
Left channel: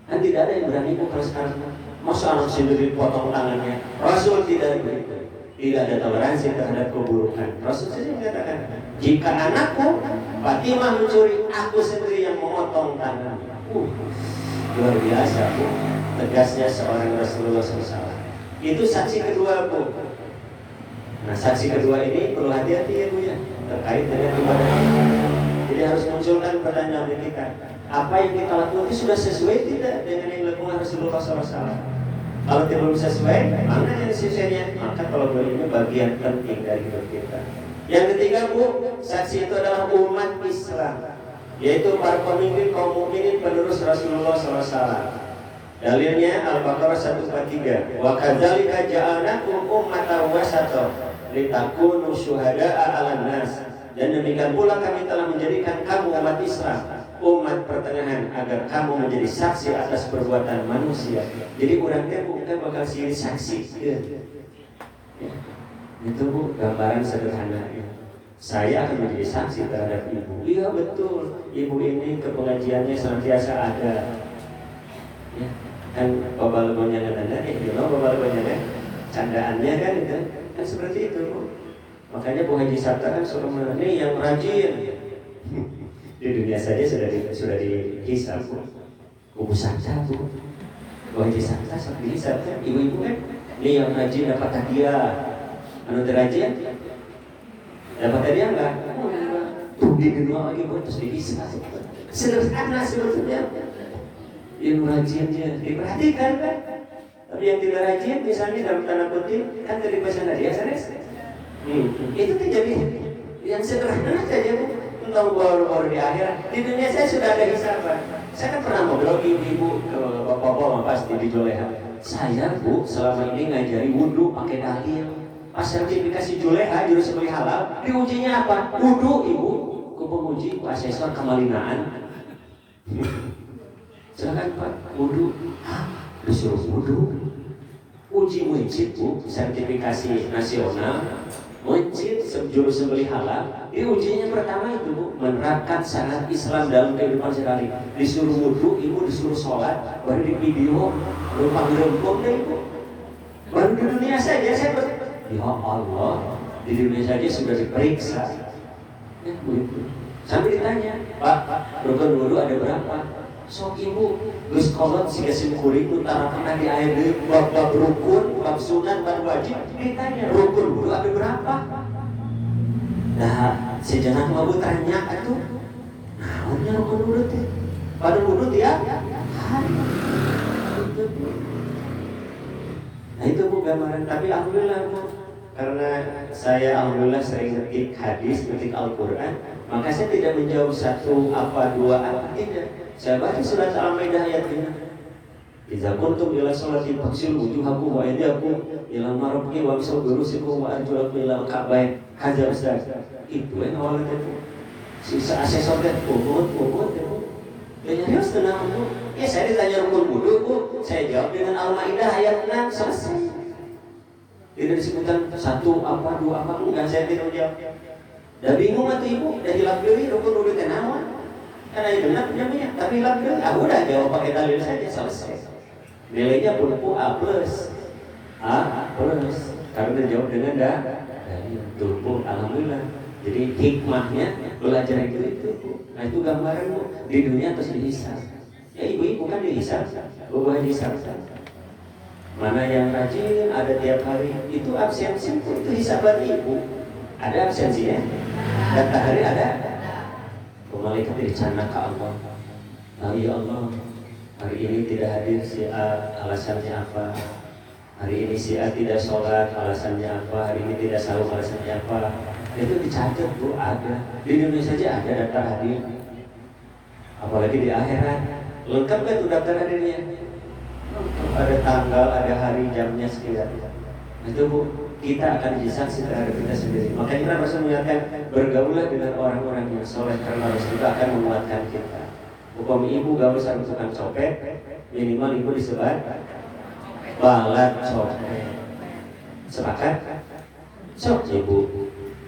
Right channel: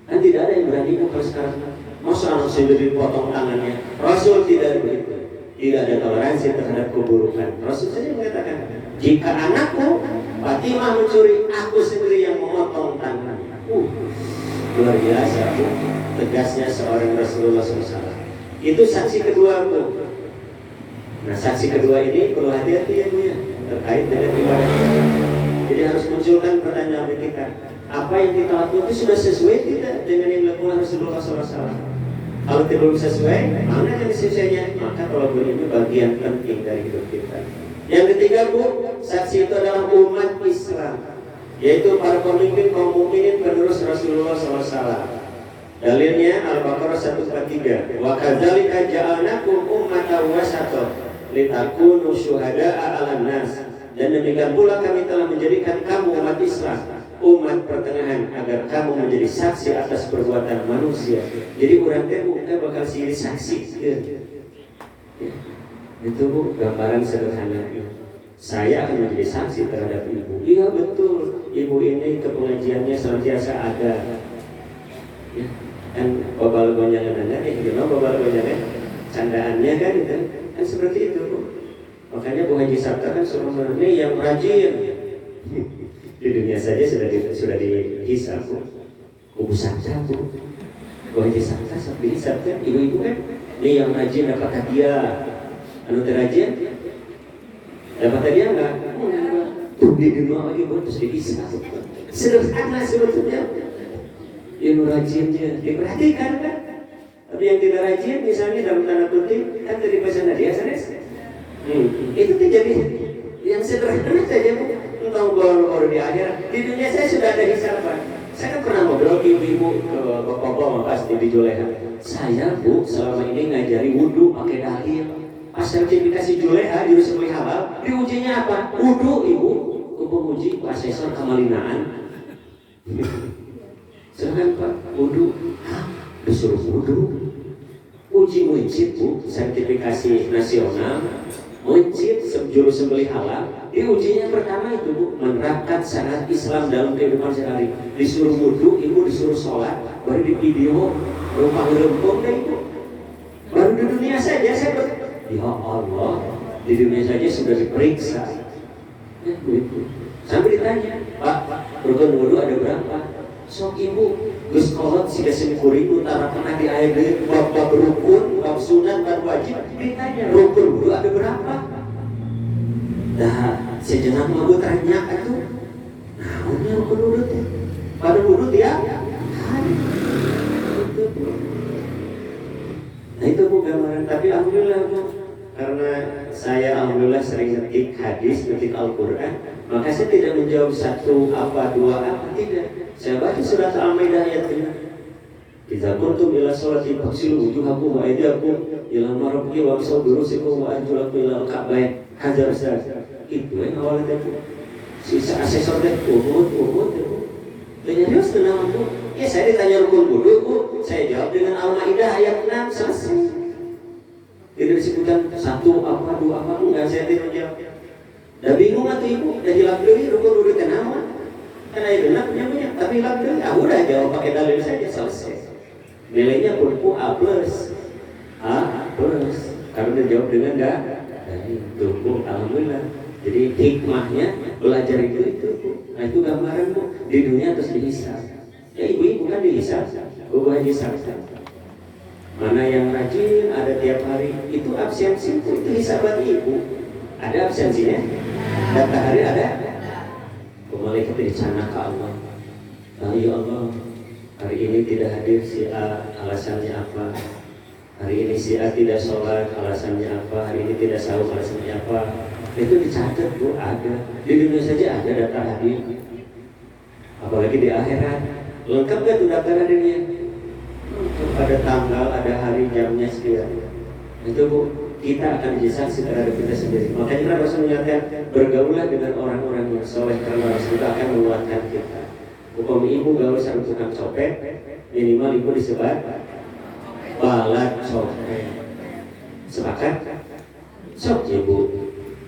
Kan tidak ada yang berani kalau sekarang masa anak sendiri potong tangannya. Rasul tidak begitu. Tidak ada toleransi terhadap keburukan. Rasul saja mengatakan, jika anakku Fatimah mencuri, aku sendiri yang memotong tangannya. Luar biasa Bu, tegasnya seorang Rasulullah SAW. Itu saksi kedua Bu. Nah saksi kedua ini perlu hati-hati ya Bu ya, terkait dengan ibadah kita. Jadi harus munculkan pertanyaan dari kita, apa yang kita lakukan itu sudah sesuai tidak dengan yang dilakukan Rasulullah SAW. Kalau belum sesuai, mana yang sesuainya? Maka kalau belum ini bagian penting dari hidup kita. Yang ketiga Bu, saksi itu adalah umat Islam, yaitu para pemimpin kaum mukminin penerus Rasulullah SAW. Dalilnya Al-Baqarah 143. Wa kadzalika ja'alnakum ummatan wasata litakunu syuhada'a 'alan nas. Dan demikian pula kami telah menjadikan kamu umat Islam, umat pertengahan, agar kamu menjadi saksi atas perbuatan manusia. Jadi orang kita bakal silih saksi. Ya. Itu Bu, gambaran sederhana. Saya akan menjadi saksi terhadap ibu. Iya betul, ibu ini ke pengajiannya senantiasa ada. Ya. Kan babal gonjangan babal gonjangan candaannya kan itu kan seperti itu Bu. Makanya Bu Haji Sabta kan suruh ini yang rajin. Di dunia saja sudah dihisab Bu. Kubu saja Bu. Bu Haji Sabta sudah dihisab kan, ibu-ibu kan ini yang rajin dapat hadiah. Anu rajin dapat hadiah enggak? Tuh di dunia lagi Bu, terus dihisab. Sederhana sebetulnya. Yang rajinnya diperhatikan kan. Tapi yang tidak rajin misalnya dalam tanda kutip kan dari pesan hadiah itu terjadi yang sederhana saja tentang baru di akhirat. Di dunia saya sudah ada hisaban. Saya kan pernah ngobrol ibu-ibu, bapak-bapak pasti di Juleha. Saya Bu selama ini ngajari wudhu pakai dalil. Pas sertifikasi Juleha di Rusuli Halal, diujinya apa? Wudhu Ibu. Kubu uji asesor kemalinaan. Jangan Pak, wudhu. Disuruh wudhu. Uji wajib Bu, sertifikasi nasional. Wajib juru sembelih halal. Di ujinya pertama itu Bu, menerapkan syariat Islam dalam kehidupan sehari-hari. Disuruh wudhu, Ibu disuruh sholat, baru di video, baru panggil rempong deh Ibu. Baru di dunia saja saya ya Allah, di dunia saja sudah diperiksa. Ya, Bu. Sampai ditanya, Pak, rukun wudhu ada berapa? Sok Ibu, geus kolot siga simkuring utara pernah di ayat bab rukun, bab sunat, bab wajib. Ditanya, rukun wudhu ada berapa? Nah, sejenak mau tanya atuh. Naonnya rukun wudhu teh? Pada wudhu dia hari. Nah itu Bu gambaran. Tapi alhamdulillah Bu, karena saya alhamdulillah sering ngetik hadis, ngetik Al-Quran, maka saya tidak menjawab satu apa dua apa, tidak. Saya baca surat Al-Maidah ayat 5. Idza kuntum ila sholati faghsilu wujuhakum wa aydiyakum ila marafiqi wa amsahu ru'usakum wa arjulakum ila al-ka'bayn. Hajar Ustaz. Itu yang awalnya itu. Sisa asesor deh, ukut. Dan harus tenang Bu. Ya saya ditanya rukun wudhu Bu, saya jawab dengan Al-Maidah ayat 6 selesai. Tidak disebutkan satu apa dua apa, enggak, saya tidak jawab. Dah bingung atau Ibu, dah hilap deui rukun wudhu teh naon? Karena itu punya, tapi hilap deui. Udah jawab pakai dalil saja selesai. Nilainya pun A+. Karena dijawab dengan tunggu alhamdulillah. Jadi hikmahnya belajar itu Bu. Nah itu gambaran Bu, di dunia terus dihisab. Ya ibu kan dihisab, Bu Haji Sabta. Mana yang rajin ada tiap hari, itu absensi Bu, itu hisaban Ibu. Ada absensinya, dan hari ada. Malaikat dicana ke Allah. Ya Allah, hari ini tidak hadir si A, alasannya apa? Hari ini si A tidak sholat, alasannya apa? Hari ini tidak sahur, alasannya apa? Itu dicatat Bu, ada. Di dunia saja ada data hadir. Apalagi di akhirat, lengkap gak tuh data hadirnya? pada tanggal, ada hari, jamnya sekian. Itu Bu, kita akan jadi saksi terhadap kita sendiri. Makanya Rasul mengatakan bergaulah dengan orang-orang yang soleh karena Rasul itu akan menguatkan kita. Hukum ibu gaul sama tukang copet, minimal ibu disebut balat copet. Sepakat? Sok ibu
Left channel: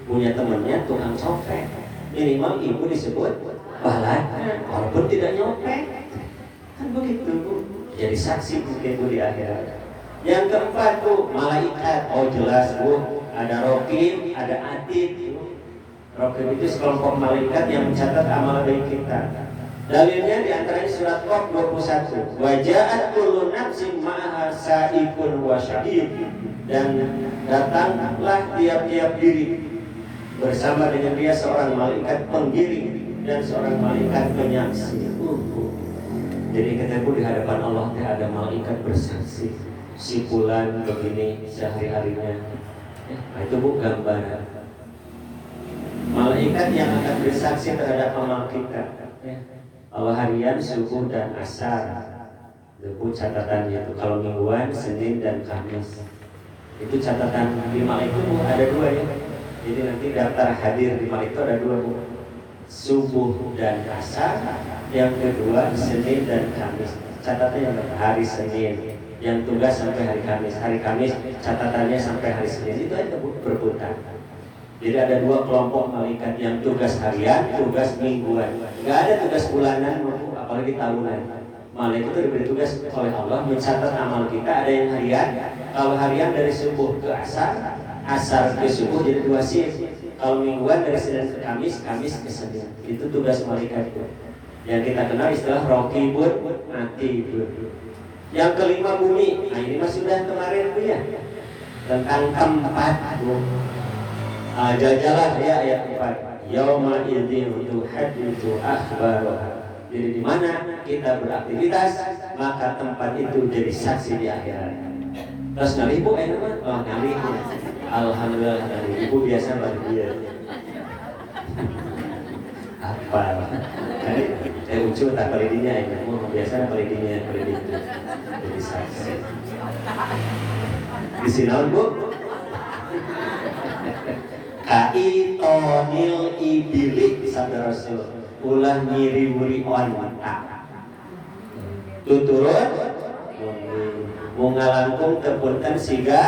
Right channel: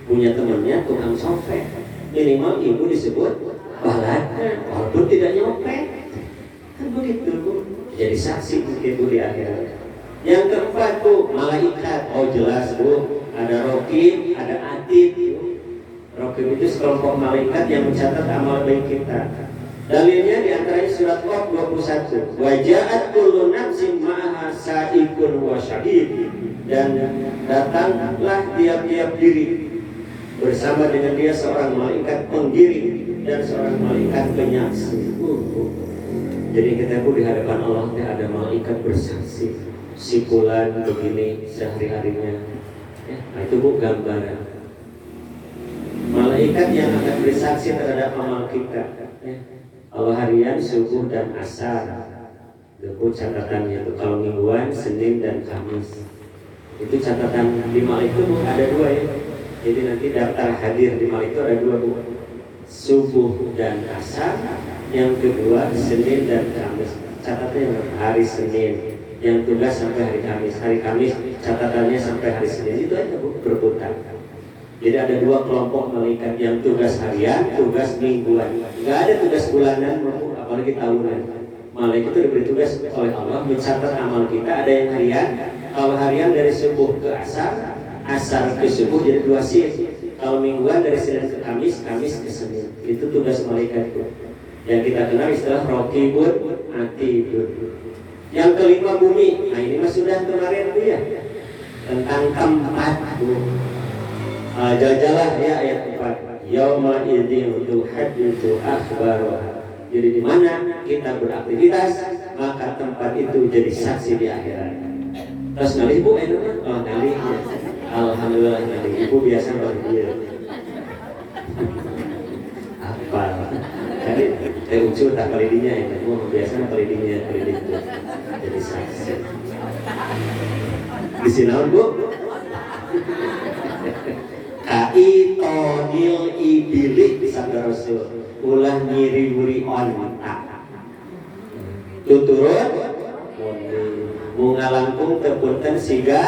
punya temannya tukang copet, minimal ibu disebut balat, walaupun tidak nyopet. Kan begitu Bu. Jadi saksi mungkin Bu di akhirat. Yang keempat Bu, malaikat. Oh jelas Bu, ada Raqib, ada Atid. Raqib itu sekelompok malaikat yang mencatat amal baik kita. Dalilnya di antaranya surat Qaf 21. Wa ja'at kullu nafsin ma'aha sa'ikun wa syahid. Dan datanglah tiap-tiap diri bersama dengan dia seorang malaikat penggiring dan seorang malaikat penyaksi. Jadi kita pun di hadapan Allah ada malaikat bersaksi. Si fulan begini sehari-harinya. Ya, itu Bu gambaran. Malaikat yang akan bersaksi terhadap amal kita. Ya. Kalau harian subuh dan asar. Itu catatannya itu. Kalau mingguan Senin dan Kamis. Itu catatan di malaikat Bu ada dua ya. Jadi nanti daftar hadir di malaikat ada dua Bu. Subuh dan asar. Yang kedua Senin dan Kamis. Catatannya hari Senin. Yang tugas sampai hari Kamis. Hari Kamis catatannya sampai hari Senin. Itu aja Bu berputar. Jadi ada dua kelompok malaikat yang tugas harian, tugas mingguan. Nggak ada tugas bulanan, apalagi tahunan. Malaikat itu diberi tugas oleh Allah mencatat amal kita. Ada yang harian. Kalau harian dari subuh ke asar, asar ke subuh jadi 2 shift. Kalau mingguan dari Senin ke Kamis, Kamis ke Senin. Itu tugas malaikat itu. Yang kita kenal istilah Raqibun Atidun. Yang kelima bumi. Nah ini mas sudah kemarin Bu ya. Tentang tempat Bu. Jajalah ya ayat 4. Yauma idzin tuhadditsu akhbaraha. Jadi di mana kita beraktivitas, maka tempat itu jadi saksi di akhirat. Terus ngalih Bu enak? Oh ngalih ya. Alhamdulillah ngalih. Ibu biasa bahagia. Apa? Jadi ucul tak kelidinya ini. Bu biasa kelidinya kelidin itu. Jadi saksi. Di sini Bu. Kaitonil ibilik sabda Rasul ulah nyiri-nyiri onta tuturut mungalangkung tepunten siga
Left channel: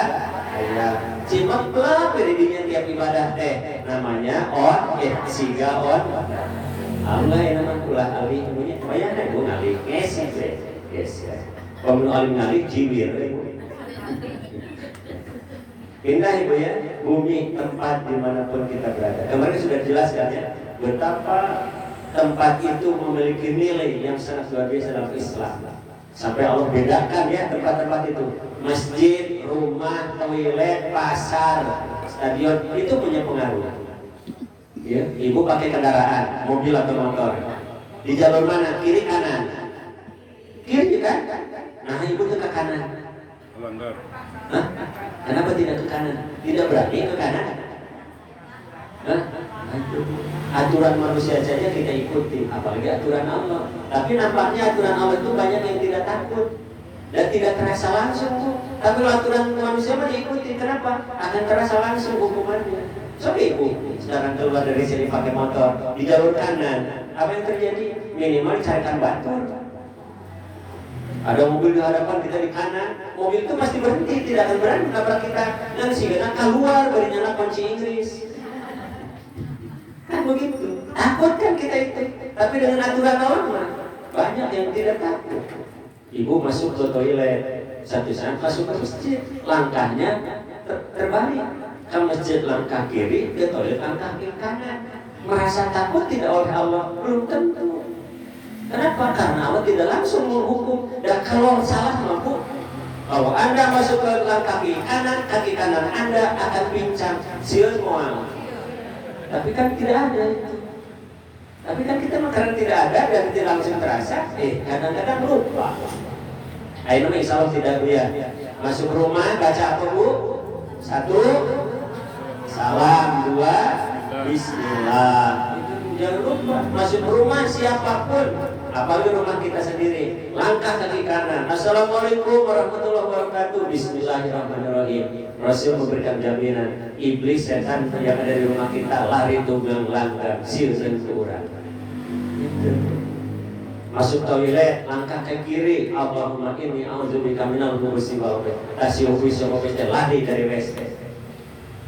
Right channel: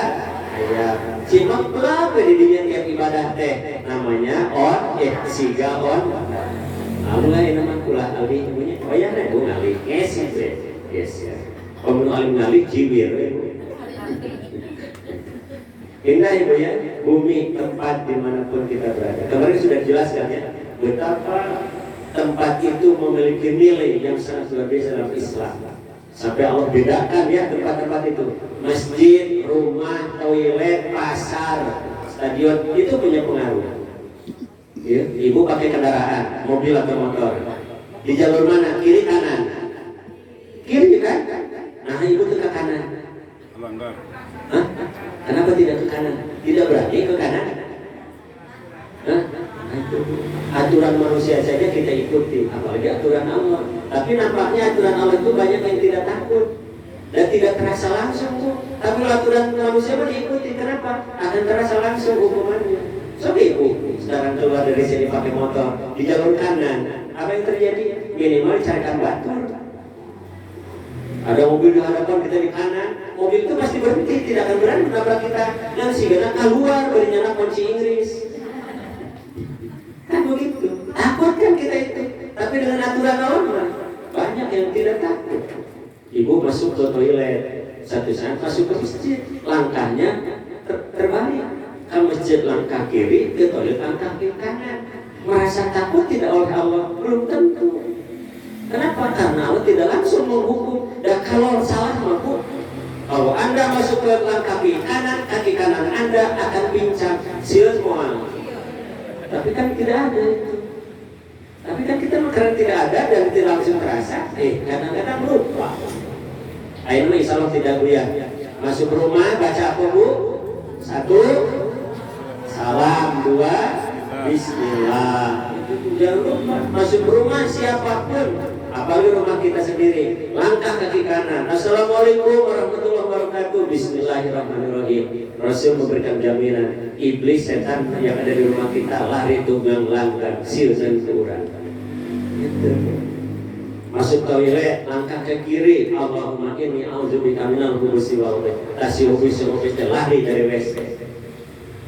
aya cimak lah dari dia tiap ibadah teh namanya siga Allah yang nama kulah alih punya bayarnya bu ngalih yes ya kalau alim ngalih jibir Indah Ibu ya, bumi tempat dimanapun kita berada. Kemarin sudah jelaskan ya, betapa tempat itu memiliki nilai yang sangat luar biasa dalam Islam. Sampai Allah bedakan ya tempat-tempat itu. Masjid, rumah, toilet, pasar, stadion, itu punya pengaruh. Ya, Ibu pakai kendaraan, mobil atau motor. Di jalur mana? Kiri kanan? Kiri kan? Nah Ibu ke kanan. Melanggar. Hah? Kenapa tidak ke kanan? Tidak berani ke kanan? Hah? Aturan manusia saja kita ikuti, apalagi aturan Allah. Tapi nampaknya aturan Allah itu banyak yang tidak takut dan tidak terasa langsung. Tapi aturan manusia mah diikuti, kenapa? Akan terasa langsung hukumannya. So Ibu sekarang keluar dari sini pakai motor di jalur kanan, apa yang terjadi? Minimal carikan batur. Ada mobil di hadapan kita di kanan, mobil itu pasti berhenti, tidak akan berani menabrak kita. Dan sigana keluar berinya kunci Inggris. Kan begitu. Takut kan kita itu. Tapi dengan aturan Allah banyak yang tidak takut. Ibu masuk ke toilet, satu saat masuk ke masjid, langkahnya terbalik. Kalau masjid langkah kiri, ke toilet langkah kiri kanan. Merasa takut tidak oleh Allah? Belum tentu. Kenapa? Karena Allah tidak langsung menghukum. Dan kalau salah mampu, kalau Anda masuk ke kaki kanan Anda akan pincang semua. Tapi kan tidak ada itu. Tapi kan kita karena tidak ada dan tidak langsung terasa, kadang-kadang lupa. Ayo nih, insya Allah tidak Bu ya. Masuk rumah baca apa Bu? 1 salam, 2 bismillah. Jangan lupa masuk rumah siapapun, apalagi rumah kita sendiri, langkah kaki kanan, assalamualaikum warahmatullahi wabarakatuh, bismillahirrahmanirrahim. Rasul memberikan jaminan iblis setan yang ada di rumah kita lari tunggang langgang sirren kurang. Masuk toilet, langkah ke kiri, Allahumma inni a'udzubika minal khubuthi wal khaba'ith, lari dari WC.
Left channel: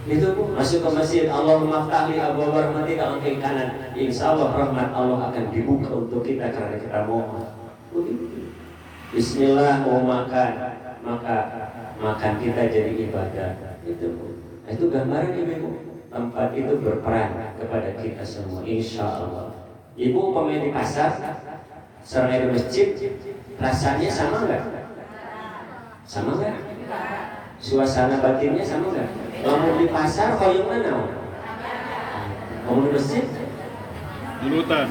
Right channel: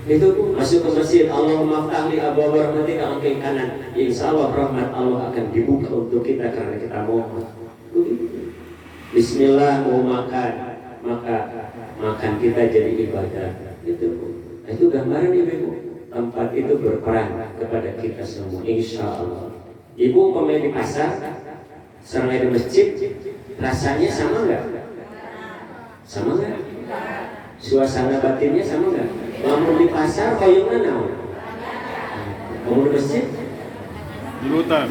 Itu masuk ke masjid, Allahumma ftahli abwaaba rahmatika, langkah kanan, insyaallah rahmat Allah akan dibuka untuk kita karena kita mau. Bismillah, mau makan, maka makan kita jadi ibadah. Itu gambaran Ibu. Tempat itu berperan kepada kita semua, insyaallah. Ibu pemain di pasar, serangga di masjid, rasanya sama nggak? Sama nggak? Suasana batinnya sama nggak? Mau di pasar, kau mana? Mau di masjid? Di hutan.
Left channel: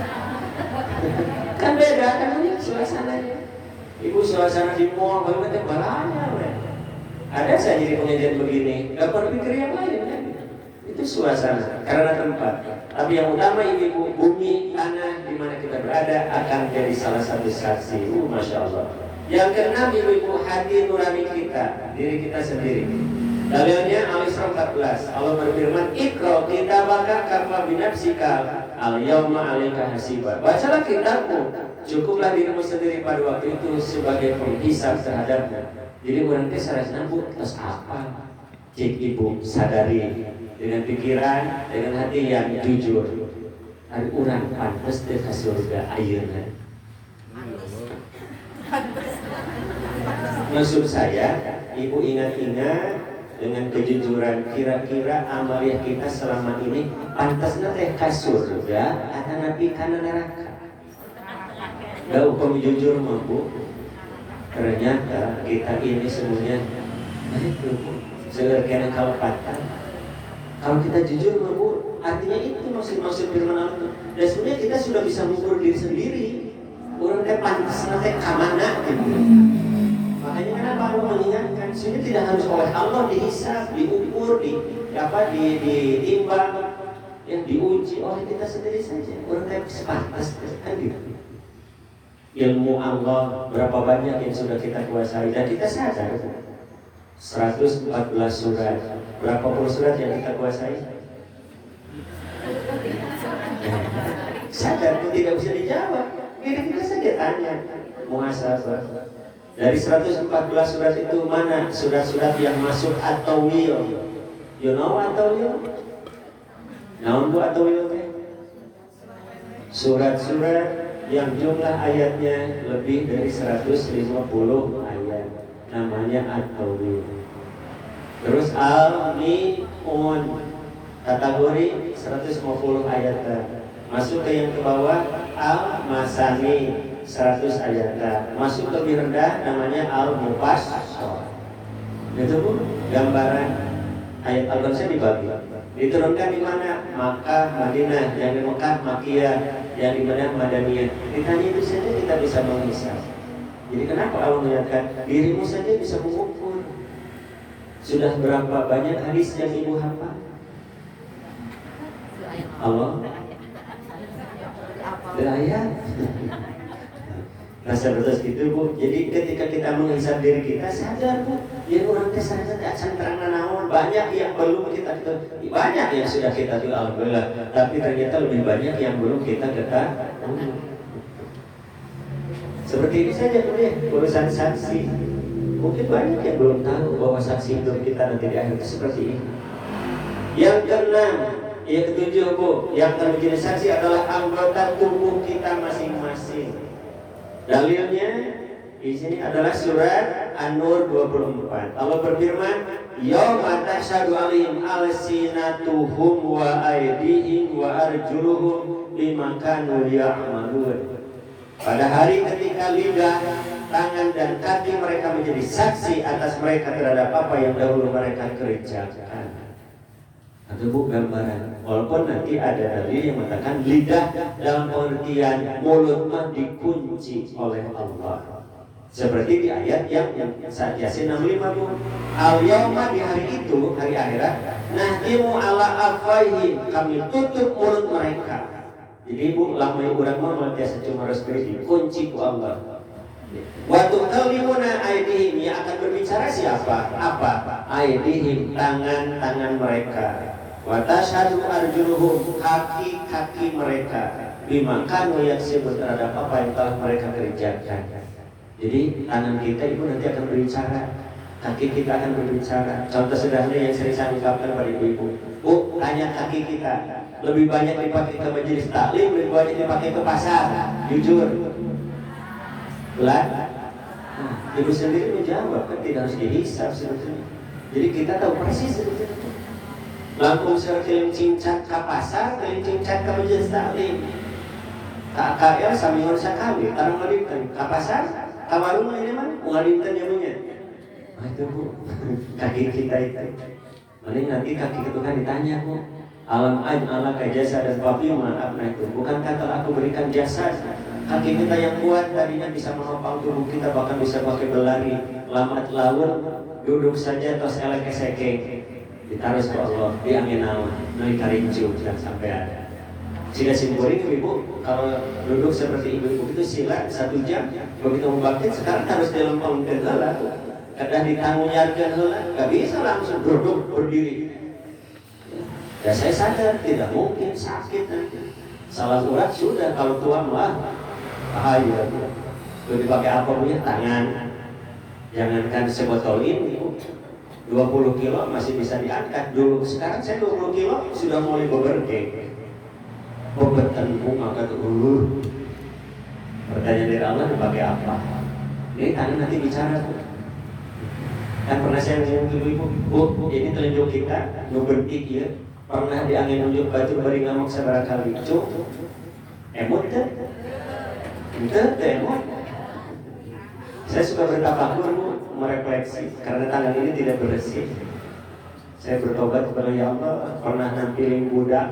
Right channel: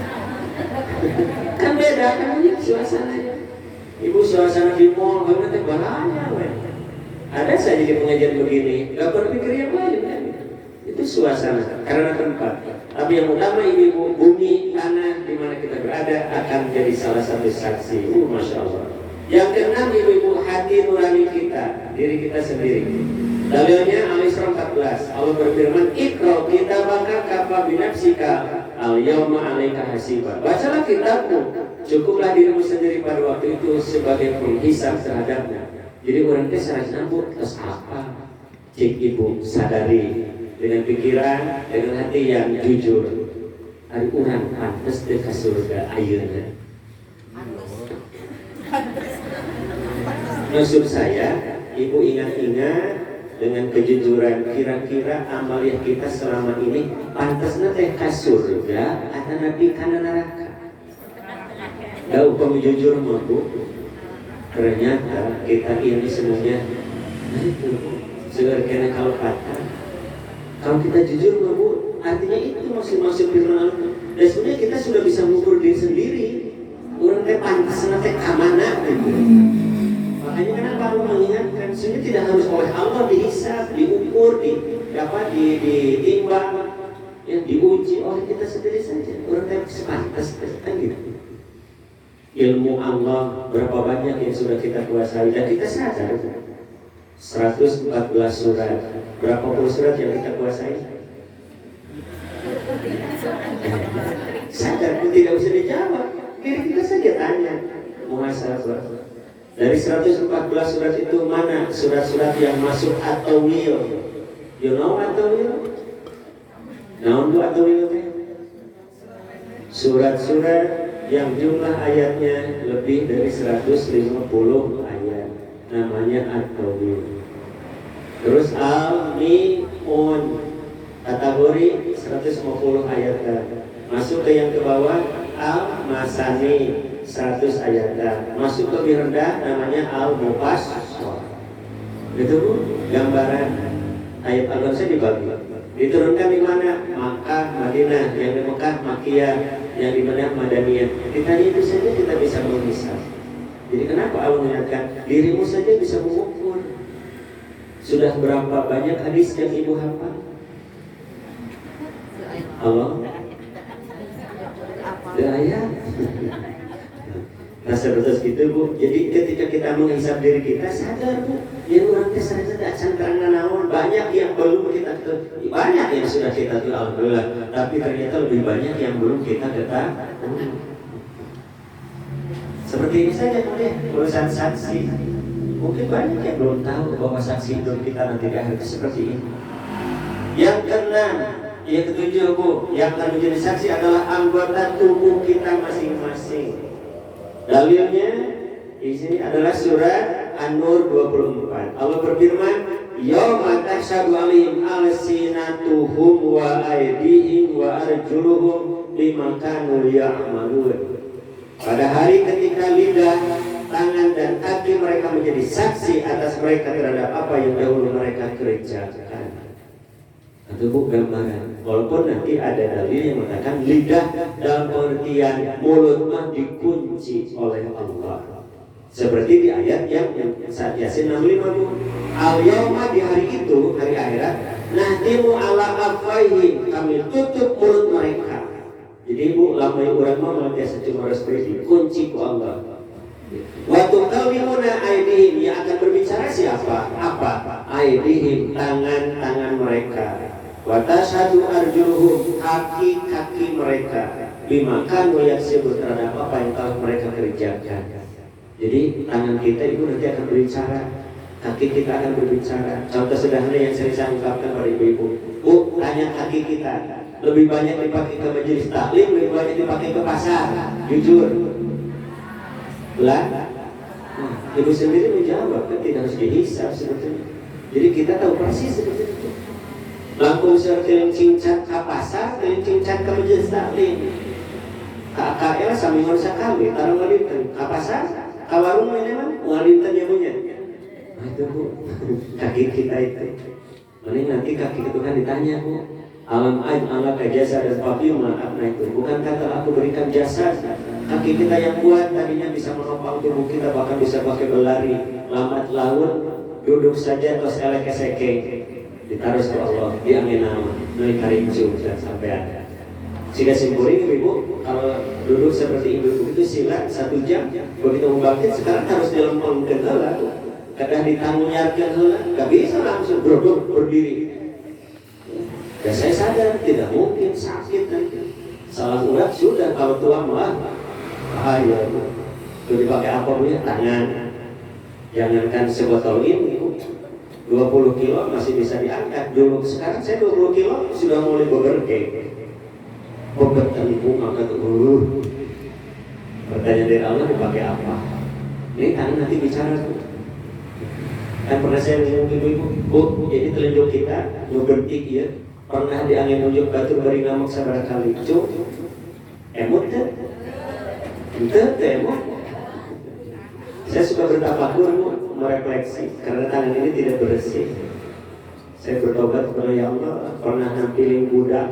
Kan beda kan ini suasananya. Ibu suasana di mall, kamu nanti balanya. Ada saja di pengajian begini, nggak berpikir yang lain kan? Itu suasana, karena tempat. Tapi yang utama ini bumi, tanah di mana kita berada akan jadi salah satu saksi. Masya Allah. Yang keenam ibu hati nurani kita, diri kita sendiri. Dalilnya Al-Isra 14. Allah berfirman, "Iqra kitabaka kafa binafsika al-yawma 'alaika hasiba." Bacalah kitabmu, cukuplah dirimu sendiri pada waktu itu sebagai penghisab terhadapnya. Jadi orang teh saras nabut terus apa? Cik ibu sadari dengan pikiran, dengan hati yang jujur. Ari urang pantes teh ka surga ayeuna. Maksud saya, ibu ingat-ingat dengan kejujuran, kira-kira amaliah kita selama ini pantasnya teh ka surga atau nabi kana neraka? Kalau kamu jujur mampu, ternyata kita ini semuanya itu sebenarnya kalau kata, kalau kita jujur mampu, artinya itu maksud firman Allah. Dan sebenarnya kita sudah bisa mengukur diri sendiri. Orang teh pantasnya teh ka mana gitu. Makanya kenapa Allah mengingatkan, sini tidak harus oleh Allah dihisab, diukur, ditimbang, yang diuji oleh kita sendiri saja. Orang yang sepantas kan gitu. Ilmu Allah berapa banyak yang sudah kita kuasai dan kita sadar. 114 surat, berapa puluh surat yang kita kuasai? Sadar, itu tidak bisa dijawab. Diri kita saja tanya, muhasabah. Dari 114 surat itu mana surat-surat yang masuk atau will? You know atau will? Naon bu atau will teh? Surat-surat yang jumlah ayatnya lebih dari 150 ayat, namanya atau will. Terus al-mi'un kategori 150 ayat. Masuk ke yang ke bawah al-masani 100 ayat, masuk ke lebih rendah namanya al-mufassal. Itu gambaran ayat Al-Qur'an dibagi. Diturunkan di mana? Makkah, Madinah, yang di Makkah, Makkiyah, yang di mana Madaniyah. Kita itu saja kita bisa menghisab. Jadi kenapa Allah mengingatkan dirimu saja bisa mengukur. Sudah berapa banyak hadis yang ibu hafal? Allah. Ayat. Rasa betul gitu bu. Jadi ketika kita menghisab diri kita sadar bu, ya orang kesana tidak santana naon, banyak yang belum kita banyak yang sudah kita tahu alhamdulillah, tapi ternyata lebih banyak yang belum kita ketahui. Seperti ini saja bu ya, urusan saksi. Mungkin banyak yang belum tahu bahwa saksi hidup kita nanti di akhir seperti ini. Yang keenam, yang ketujuh bu, yang akan menjadi saksi adalah anggota tubuh kita masing-masing. Dalilnya di sini adalah surat An-Nur 24. Allah berfirman, "Yauma tashhadu 'alaihim alsinatuhum wa aydihim wa arjuluhum bima kanu ya'malun." Pada hari ketika lidah, tangan dan kaki mereka menjadi saksi atas mereka terhadap apa yang dahulu mereka kerjakan. Itu gambaran. Walaupun nanti ada dalil yang mengatakan lidah dalam pengertian mulut dikunci oleh Allah. Seperti di ayat yang saat Yasin 65 al-yawma, di hari itu, hari akhirat, nahtimu ala afwaihim, kami tutup mulut mereka. Jadi ibu lama orang mau biasa cuma harus beri kunci ku Allah. Waktu kalimuna aidihim yang akan berbicara siapa? Apa? Aidihim tangan-tangan mereka. Wa tashhadu arjuluhum kaki-kaki mereka. Bima kanu yaksibun terhadap apa yang telah mereka kerjakan. Jadi tangan kita ibu nanti akan berbicara, kaki kita akan berbicara. Contoh sederhana yang sering saya ungkapkan pada ibu-ibu. Bu, tanya kaki kita. Lebih banyak dipakai ke majelis taklim, lebih banyak dipakai ke pasar. Jujur. Belah. Nah, ibu sendiri menjawab kan tidak harus dihisap sebetulnya. Jadi kita tahu persis sebetulnya. Langsung sering cincat ke pasar, sering cincat ke majelis taklim. KKL sambil sakali, tarung walinten. Ke pasar, ke warung memang walinten yang punya. Nah, itu bu, kaki kita itu. Paling nanti kaki itu kan ditanya bu. Alam aib ala jasa dan papi mengatakan itu. Bukankah telah aku berikan jasa? Kaki kita yang kuat tadinya bisa menopang tubuh kita, bahkan bisa pakai berlari, lambat laun, duduk saja atau selek seke. Ditaruh ke Allah, dia angin nama, naik karincu dan sampai ada. Jika simbolik ibu, kalau duduk seperti ibu itu sila 1 jam, begitu membangkit sekarang harus dilempangkan heula. Kadang ditanggungjawabkan heula, nggak bisa langsung duduk berdiri. Ya saya sadar tidak mungkin sakit nanti. Salah urat sudah kalau tua mah bahaya tuh. Lebih pakai apa punya tangan. Jangankan sebotol ini 20 kilo masih bisa diangkat. Dulu sekarang saya 20 kilo sudah mulai beberke. Beberkan bunga kata dulu. Pertanyaan dari Allah dipakai apa? Ini tangan nanti bicara tuh. Kan pernah saya ngomong ke ibu, bu ini telunjuk kita ngebentik ya. Pernah di angin nunjuk batu beri ngamuk seberapa kali. Cuk, emot kan? Itu emot. Saya suka bertafakur merefleksi karena tangan ini tidak bersih. Saya bertobat kepada ya Allah. Pernah nampilin budak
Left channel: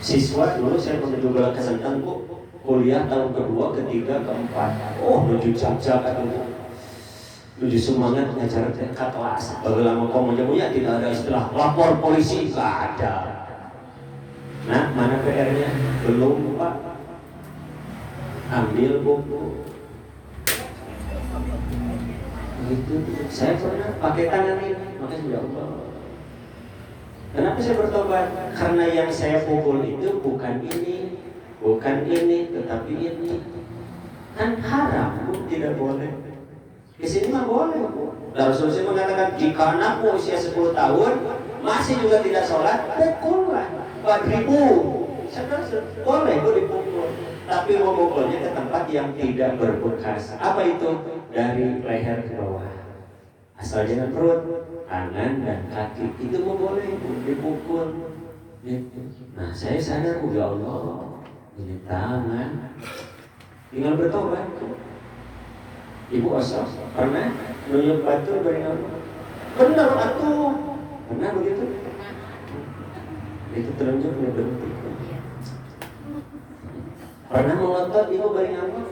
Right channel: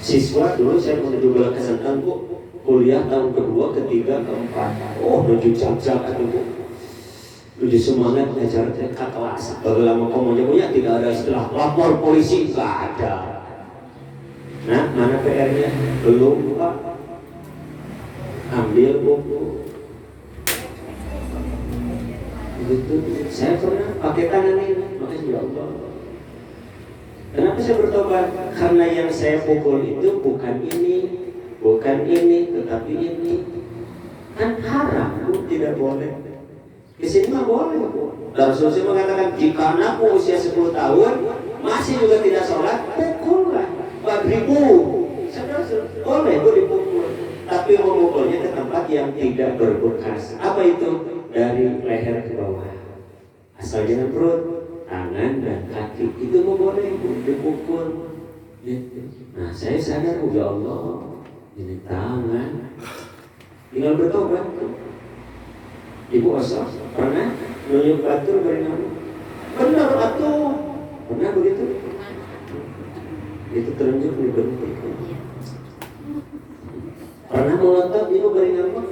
siswa dulu saya menuju belah kesentang bu, kuliah tahun kedua, ketiga, keempat. Oh, menuju cap-cap itu. Tujuh semangat ngajar ke kelas. Kalau lama komunikasinya tidak ada istilah lapor polisi, nggak ada. Nah, mana PR-nya? Belum pak. Ambil buku. Itu saya pernah pakai tangan ini, makanya ya Allah. Kenapa saya bertobat? Karena yang saya pukul itu bukan ini, tetapi ini. Kan haram, bu, tidak boleh. Di sini mah boleh, bu. Rasulullah mengatakan jika anakmu usia 10 tahun masih juga tidak sholat, pukullah. 4.000. Boleh, bu dipukul. Tapi memukulnya ke tempat yang tidak berbekas. Apa itu? Dari leher ke bawah. Asal jangan perut, tangan dan kaki. Itu boleh, bu, dipukul. Nah, saya sadar, ya Allah, ini tangan. Tinggal bertobat. Ibu asal pernah nunjuk batu dari mana? Benar atuh, pernah begitu? Itu telunjuk berbentik. Pernah melontot ibu dari nama?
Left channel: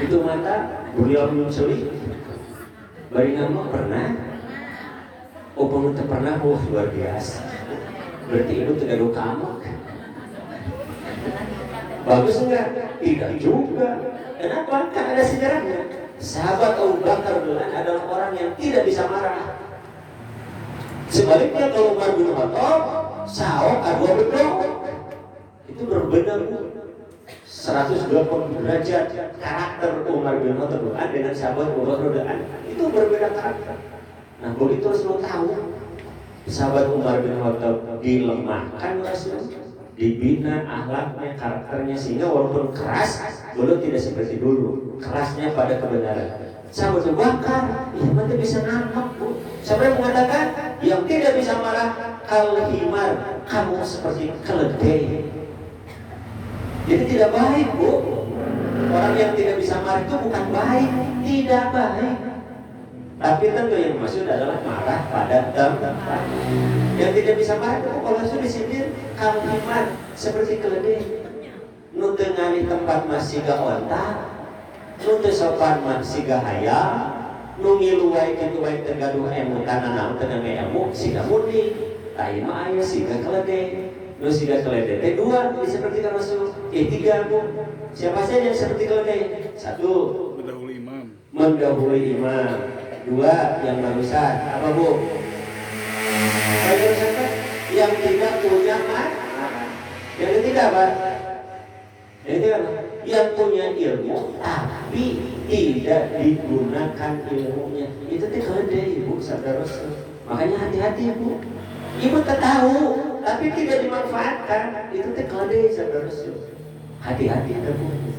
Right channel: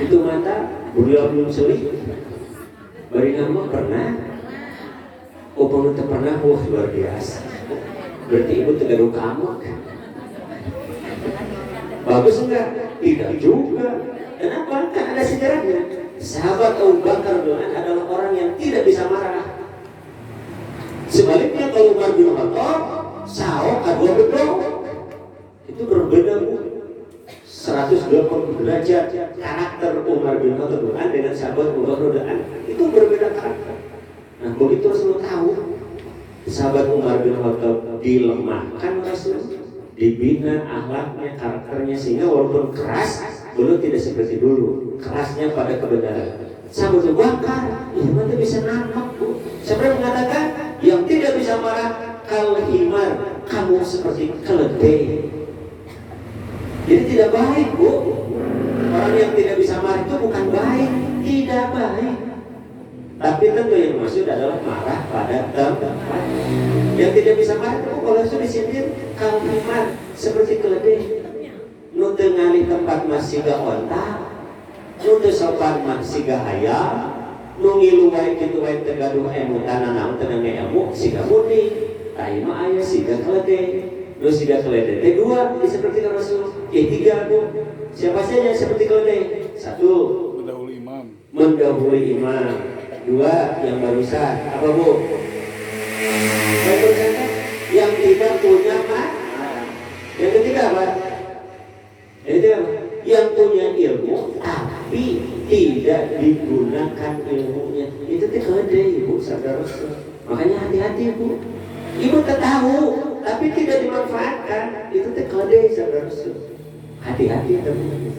Itu mata beliau menyusuli. Dari nama pernah? Oh pengen pernah, luar biasa. Berarti ibu tidak ada kamu. Bagus enggak? Tidak juga. Kenapa? Kan ada sejarahnya. Sahabat Abu Bakar adalah orang yang tidak bisa marah. Sebaliknya kalau Umar bin Khattab, saok adua betul. Itu berbeda 180 derajat karakter Umar bin Khattab dengan sahabat Abu Bakar. Itu berbeda karakter. Nah, begitu Rasul tahu sahabat Umar bin Khattab dilemahkan Rasul, dibina akhlaknya, karakternya sehingga walaupun keras belum tidak seperti dulu, kerasnya pada kebenaran. Sahabat Abu Bakar, nanti bisa nangkap bu. Siapa yang mengatakan yang tidak bisa marah kalau himar, kamu seperti keledai. Jadi tidak baik bu. Orang yang tidak bisa marah itu bukan baik, tidak baik. Tapi tentu yang maksud adalah marah pada tempat. Yang tidak bisa marah itu kalau sudah disindir kalau himar seperti keledai. Nu teu ngalih tempat mah siga onta, nu teu sopan mah siga hayam, nu ngilu wae kitu wae teu gaduh emu kana naon teu ngame ilmu siga muni, ai mah aya siga keledai. Nu siga keledai. Dua disepertikan Rasul. Tiga Bu. Siapa saja yang seperti keledai? Satu, Mendahului imam. mendahului imam. Dua, yang barusan. Apa Bu? Yang tidak punya makna. Yang ketiga apa? Yang punya ilmu tapi tidak digunakan ilmunya. Itu keledai Ibu, saudara. Makanya hati-hati Bu. Ibu tahu tapi tidak dimanfaatkan. Itu keledai, saudara. Hati-hati teman.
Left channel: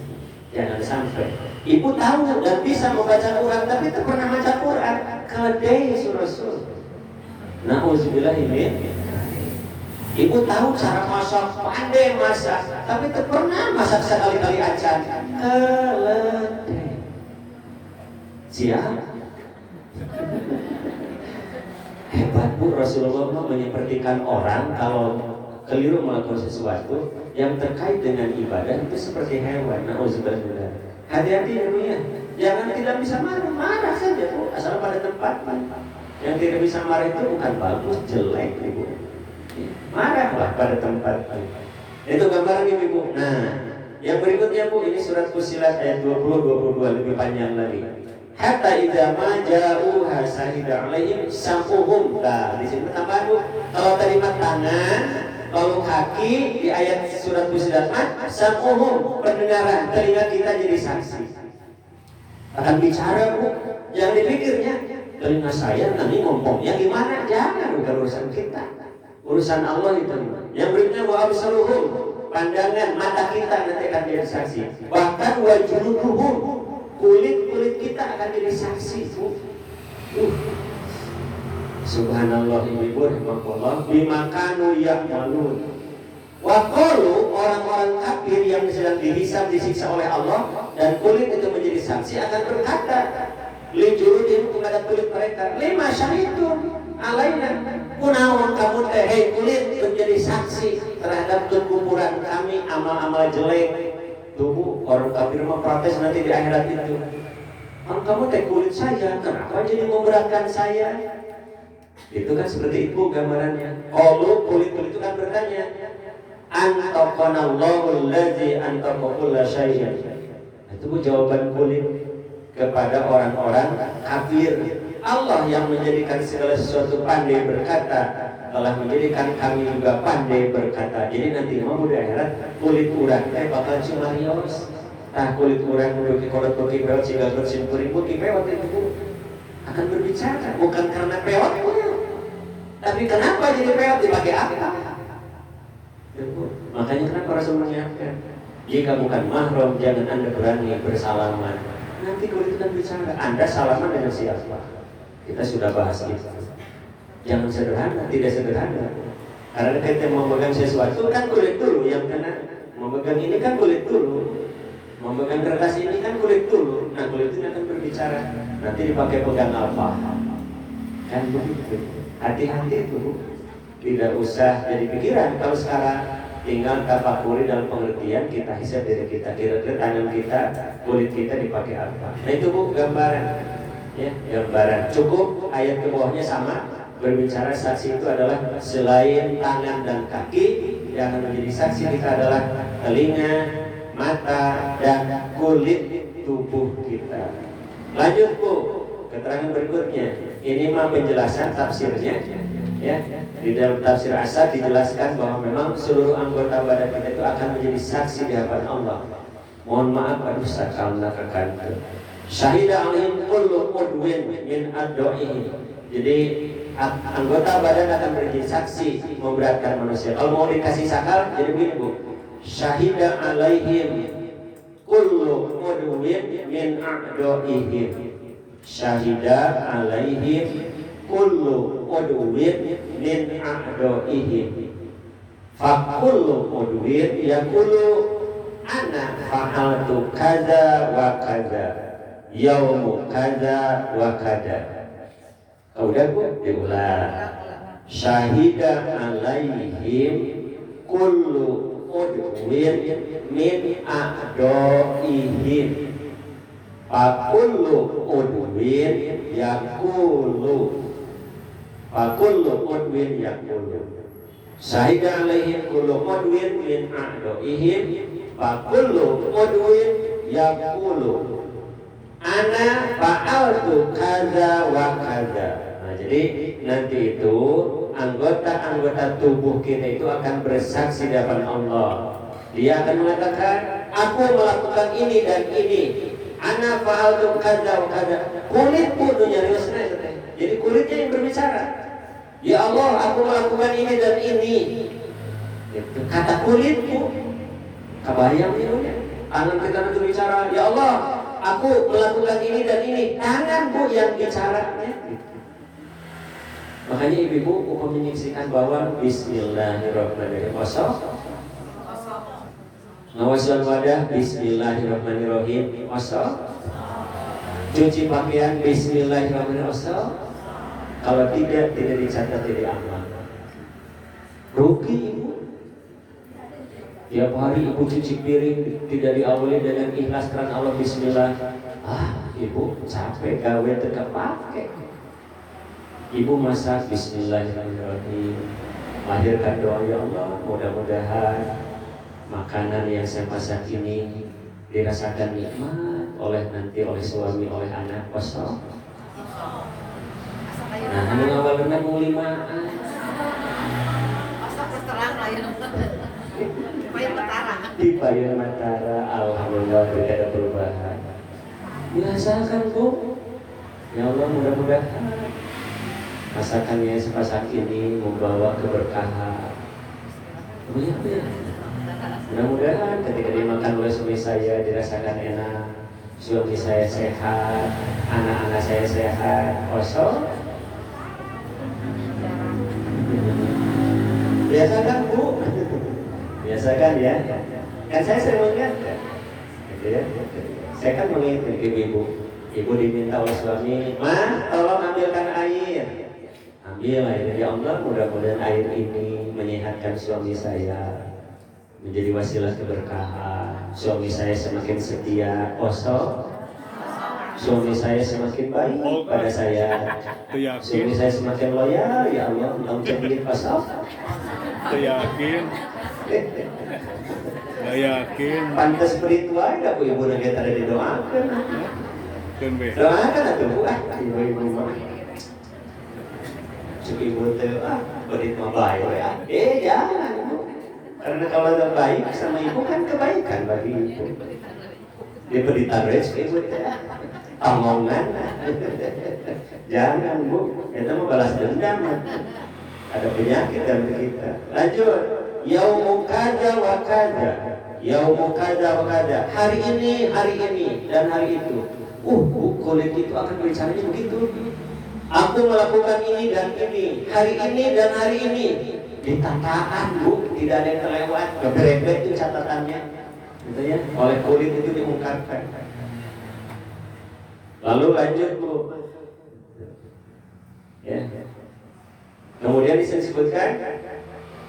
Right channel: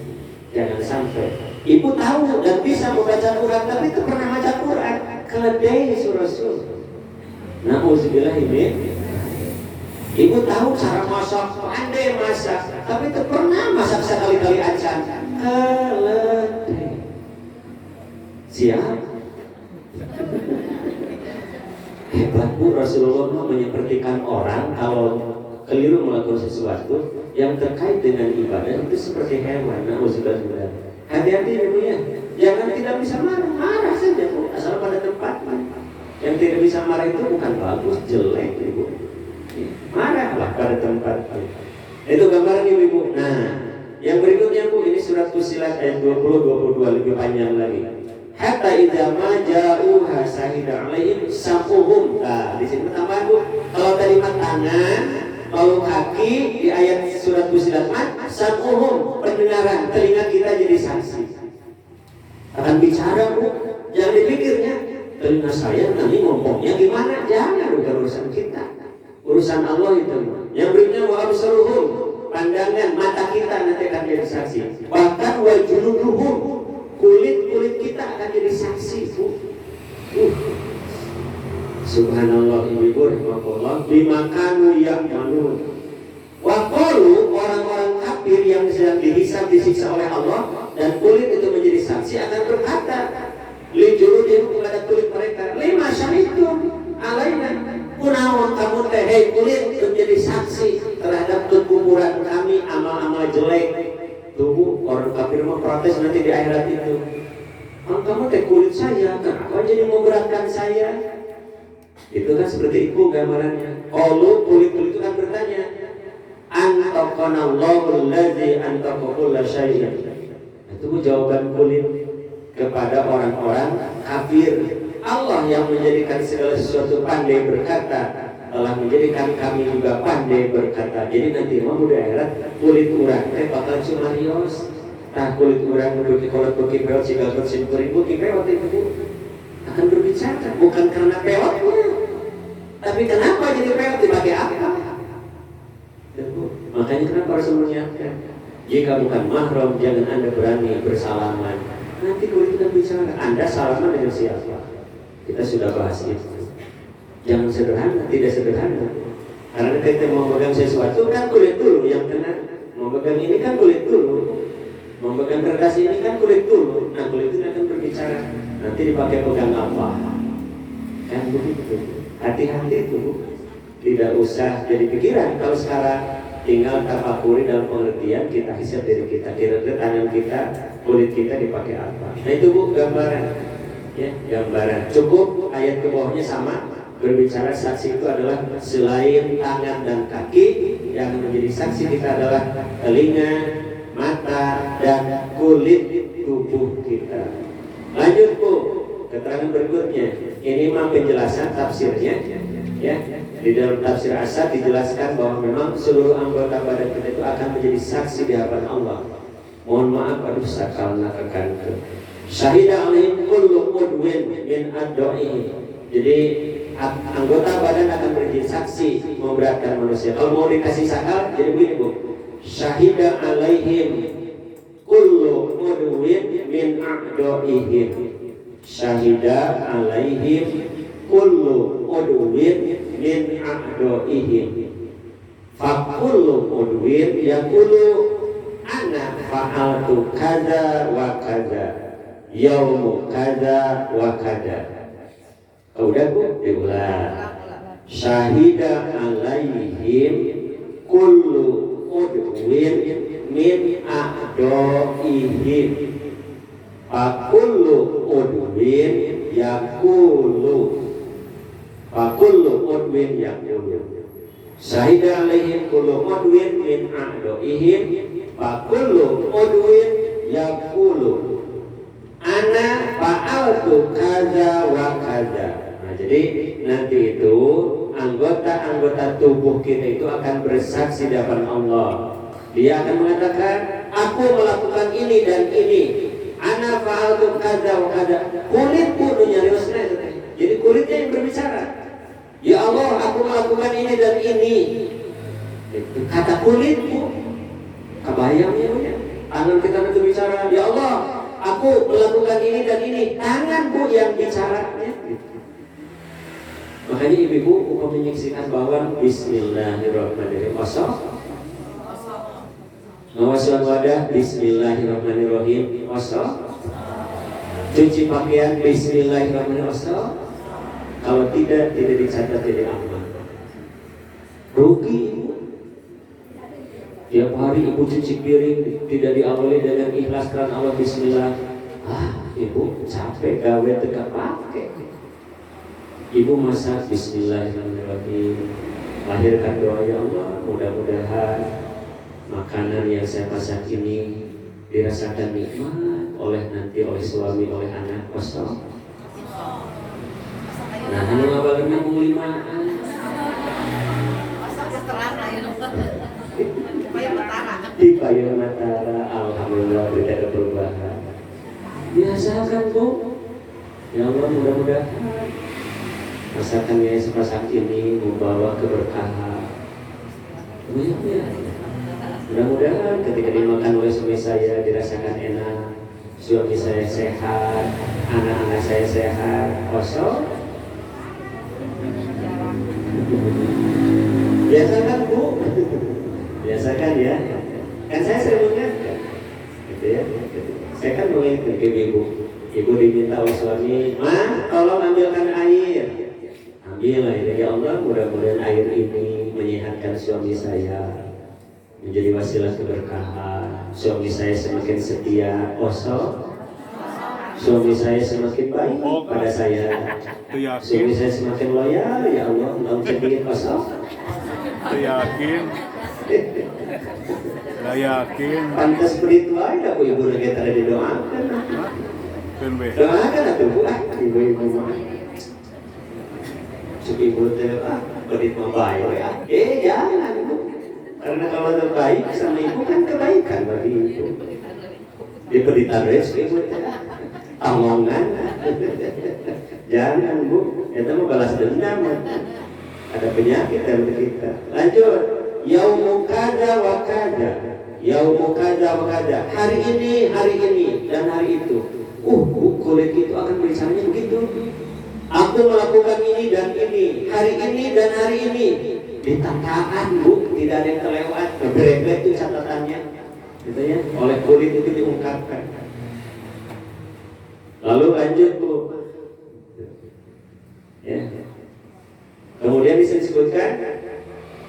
Jangan sampai Ibu tahu dan bisa membaca Quran tapi itu pernah baca Quran. Keledai Rasul. Nauzubillah ini. Ibu tahu cara masak, pandai masak, tapi itu pernah masak sekali-kali aja. Keledai. Siap? Hebat Bu, Rasulullah menyepertikan orang kalau keliru melakukan sesuatu yang terkait dengan ibadah itu seperti hewan. Nauzubillah. Hati-hati ya Bu ya. Jangan tidak bisa marah saja Bu, asal pada tempatnya. Yang tidak bisa marah itu bukan bagus, jelek Ibu. Marahlah pada tempatnya. Itu gambaran Ibu. Nah, yang berikutnya Bu, ini surat Fussilat ayat 20-22 lebih panjang lagi. Hatta idza ma ja'uha sahida 'alaihim sam'uhum. Nah, di sini tambahan Bu. Kalau tadi tangan, kalau kaki di ayat surat Fussilat sam'uhum, pendengaran, telinga kita jadi saksi. Akan bicara Bu, jangan dipikirnya telinga saya nanti ngomongnya gimana, jangan, bukan urusan kita. Urusan Allah itu. Yang berikutnya wa absaruhum, pandangan mata kita nanti akan jadi saksi. Bahkan wa juluduhum, kulit kita akan jadi saksi. Subhanallah Ibu rahmatullah bima kanu ya'malun. Wa qalu, orang-orang kafir yang sedang dihisab disiksa oleh Allah dan kulit itu menjadi saksi akan berkata li juludihim, kepada kulit mereka, lima syahidun alaina. Kunaon kamu teh, hei kulit, menjadi saksi terhadap kekuburan kami amal-amal jelek. Tubuh orang kafir mau protes nanti di akhirat itu. Kamu teh kulit saya, kenapa jadi memberatkan saya? Itu kan seperti itu gambarannya. Kalau kulit itu kan bertanya, antaqanallahu allazi antaqa kulla syai'in. Itu jawaban kulit kepada orang-orang kafir. Allah yang menjadikan segala sesuatu pandai berkata, telah menjadikan kami juga pandai berkata. Jadi nanti mau di akhirat kulit urang bakal sularios. Nah kulit urang menduduki kolot bukit pewat sigal bersimpuri bukit pewat itu akan berbicara, bukan karena pewatnya, tapi kenapa jadi pewat, dipakai apa? Makanya kenapa Rasul mengingatkan, jika bukan mahram jangan Anda berani bersalaman. Nanti kulit kita bicara, Anda salaman dengan siapa? Kita sudah bahas itu. Jangan sederhana, tidak sederhana. Karena kita mau memegang sesuatu kan kulit dulu yang kena. Mau memegang ini kan kulit dulu. Mau memegang kertas ini kan kulit dulu. Nah kulit ini akan berbicara. Nanti dipakai pegang apa? Kan begitu. Hati-hati itu. Tidak usah jadi pikiran. Kalau sekarang tinggal tafakuri dalam pengertian kita hisab diri kita. Kira-kira tangan kita, kulit kita dipakai apa? Nah itu Bu gambaran. Ya, gambaran. Cukup ayat ke bawahnya sama, berbicara saksi itu adalah selain tangan dan kaki, yang menjadi saksi kita adalah telinga, mata, dan kulit tubuh kita. Lanjut Bu, keterangan berikutnya. Ini mah penjelasan tafsirnya. Ya, di dalam tafsir Asad dijelaskan bahwa memang seluruh anggota badan kita itu akan menjadi saksi di hadapan Allah. Mohon maaf aduh sakalna kekanten. Syahida alaihim kullu udwin min ad-da'ihi. Jadi anggota badan akan menjadi saksi memberatkan manusia. Kalau mau dikasih sakal jadi begini Bu. Syahida alaihim kullu udwin min ad-da'ihim. Syahida alaihim kullu udwin min ad-da'ihim. Fa kullu udwin yaqulu ana fa'altu kada wa kada. Yaumu kada wa kada. Udah Bu, diulang. Syahida alaihim kullu udwin min a'doihim. Fakullu udwin yakulu. Fakullu udwin yakulu. Syahida alaihim kullu mudwin min a'doihim fakullu mudwin yaqulu ana fa'altu kaza wa kaza. Nah, jadi nanti itu anggota-anggota tubuh kita itu akan bersaksi di hadapan Allah. Dia akan mengatakan, aku melakukan ini dan ini. Ana fa'altu kaza wa kaza. Kulitku dunia nyariusnya. Jadi kulitnya yang berbicara. Ya Allah, aku melakukan ini dan ini. Itu kata kulitku. Kebayang ya? Tangan kita itu bicara. Ya Allah, aku melakukan ini dan ini. Tanganku yang bicara. Makanya ibu-ibu menyaksikan bahwa Bismillahirrahmanirrahim. Ngawasan wadah Bismillahirrahmanirrahim. Cuci pakaian Bismillahirrahmanirrahim. Kalau tidak dicatat jadi aman. Rugi ibu. Tiap hari ibu cuci piring tidak diawali dengan ikhlas karena Allah Bismillah. Ibu capek gawe teka pakai. Ibu masak Bismillahirrahmanirrahim. Lahirkan doa, ya Allah, mudah-mudahan makanan yang saya masak ini dirasakan nikmat oleh suami, oleh anak. Kosong. Nah, anu ngabageuna mulimaan. Di Payun Matara, alhamdulillah tidak ada perubahan. Biasakan Bu. Ya Allah, mudah-mudahan masakan yang sepasak ini membawa keberkahan. Mudah-mudahan ketika dimakan oleh suami saya dirasakan enak, suami saya sehat, anak-anak saya sehat. Kosong. Biasakan Bu. Biasakan ya. Kan saya sering mengingatkan. Gitu ya. Saya kan mengingatkan ibu. Ibu diminta oleh suami, "Ma, tolong ambilkan air." Ambil air, ya Allah, mudah-mudahan air ini menyehatkan suami saya, menjadi wasilah keberkahan. Suami saya semakin setia, kosong. Suami saya semakin baik pada saya. Suami saya semakin loyal, ya Allah, mau jadi kosong. Yakin. Gak yakin. Pantas spiritual ada Bu ibu lagi ada didoakan. Doakan atuh Bu ibu-ibu mah. Cuk ibu teh berit mah bae ya. Jangan Bu. Karena kalau ada baik sama ibu kan kebaikan bagi ibu. Diberi tares ibu teh. Omongan. Jangan Bu, itu mau balas dendam. Ada penyakit dalam kita. Lanjut. Yaumu kada wa kada. Yaumu kada wa kada. Hari ini dan hari itu. Kulit itu akan berbicaranya begitu. Aku melakukan ini dan ini. Hari ini dan hari ini. Ditakaan Bu, tidak ada yang terlewat. Berbeda itu catatannya. Gitu ya. Oleh kulit itu diungkapkan. Lalu lanjut Bu. Ya. Kemudian disebutkan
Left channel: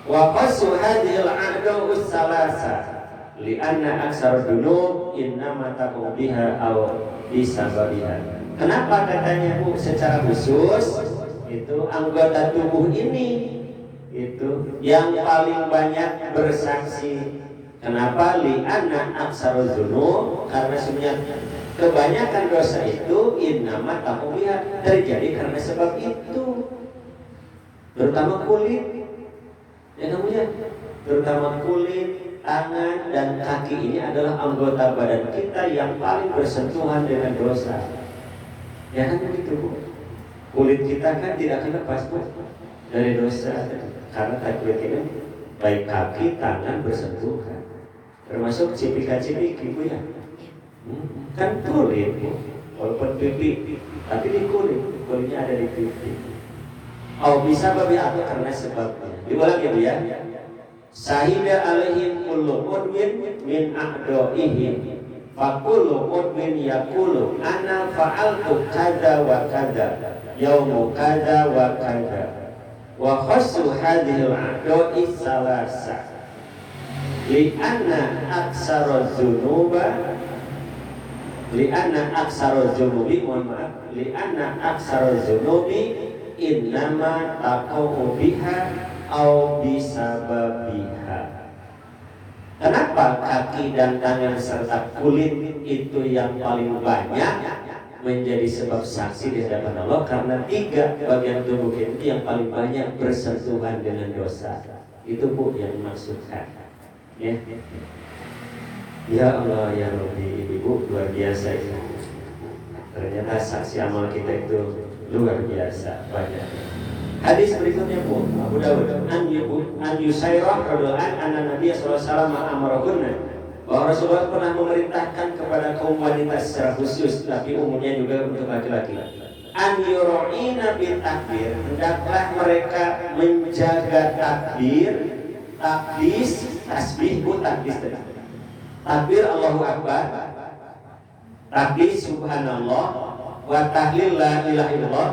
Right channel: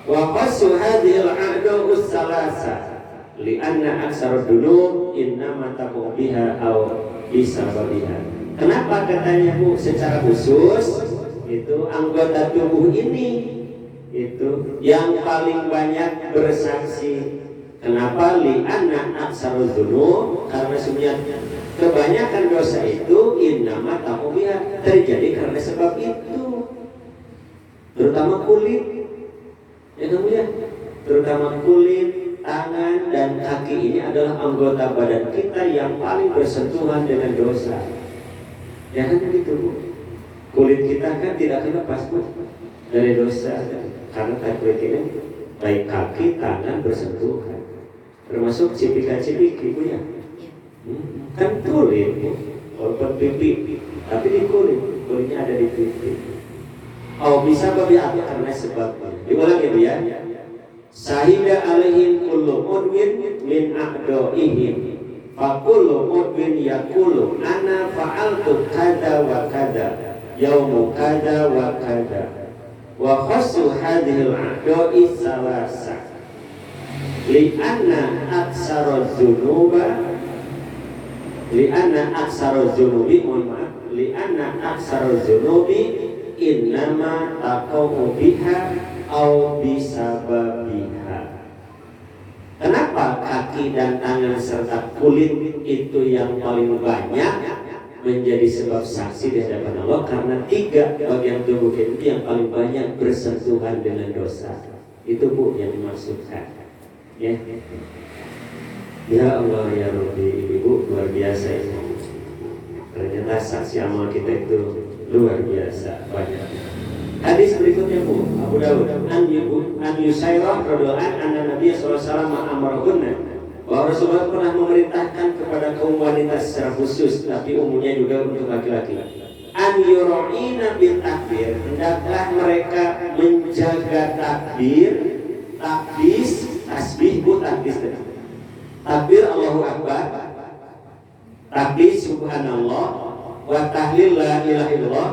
wa qasu hadhil a'du salasa li'anna aksar dunub innama taqu biha aw bisababiha. Kenapa katanya Bu secara khusus itu anggota tubuh ini itu yang paling banyak bersaksi. Kenapa? Li'anna aksar dunub, karena sebenarnya kebanyakan dosa itu innama taqu biha, terjadi karena sebab itu. Terutama kulit, ya namanya, terutama kulit, tangan dan kaki ini adalah anggota badan kita yang paling bersentuhan dengan dosa. Ya kan begitu Bu. Kulit kita kan tidak kena pas Bu dari dosa, karena kulit kita baik kaki, tangan bersentuhan, termasuk cipika-cipiki Bu ya. Kan kulit Bu, walaupun pipi, tapi di kulitnya ada di pipi. Bisa babi atau karena sebabnya. Diulang ya Bu ya. Sahida alaihim kullu mudwin min a'doihim fa kullu mudwin yaqulu ana fa'altu kada wa kada yaumu kada wa kada wa khassu hadhihi al-a'doi salasa li'anna aksara dzunuba li'anna aksara dzunubi li'anna aksara dzunubi innama taqaw biha au bisababiha. Kenapa kaki dan tangan serta kulit itu yang paling banyak menjadi sebab saksi di hadapan Allah? Karena 3 bagian tubuh itu yang paling banyak bersentuhan dengan dosa. Itu Bu yang dimaksudkan. Ya, ya Allah ya Rabbi, Ibu luar biasa itu. Ternyata saksi amal kita itu luar biasa banyak. Hadis berikutnya Bu, Abu Dawud an Yusairah radhiyallahu anhu Nabi sallallahu alaihi wasallam amrahunna, bahwa Rasulullah pernah memerintahkan kepada kaum wanita secara khusus, tapi umumnya juga untuk laki-laki, an yura'ina bil takbir, hendaklah mereka menjaga takbir, takbis, tasbih Bu, takbis tadi. Takbir Allahu Akbar, takbis subhanallah, wa tahlil la ilaha illallah,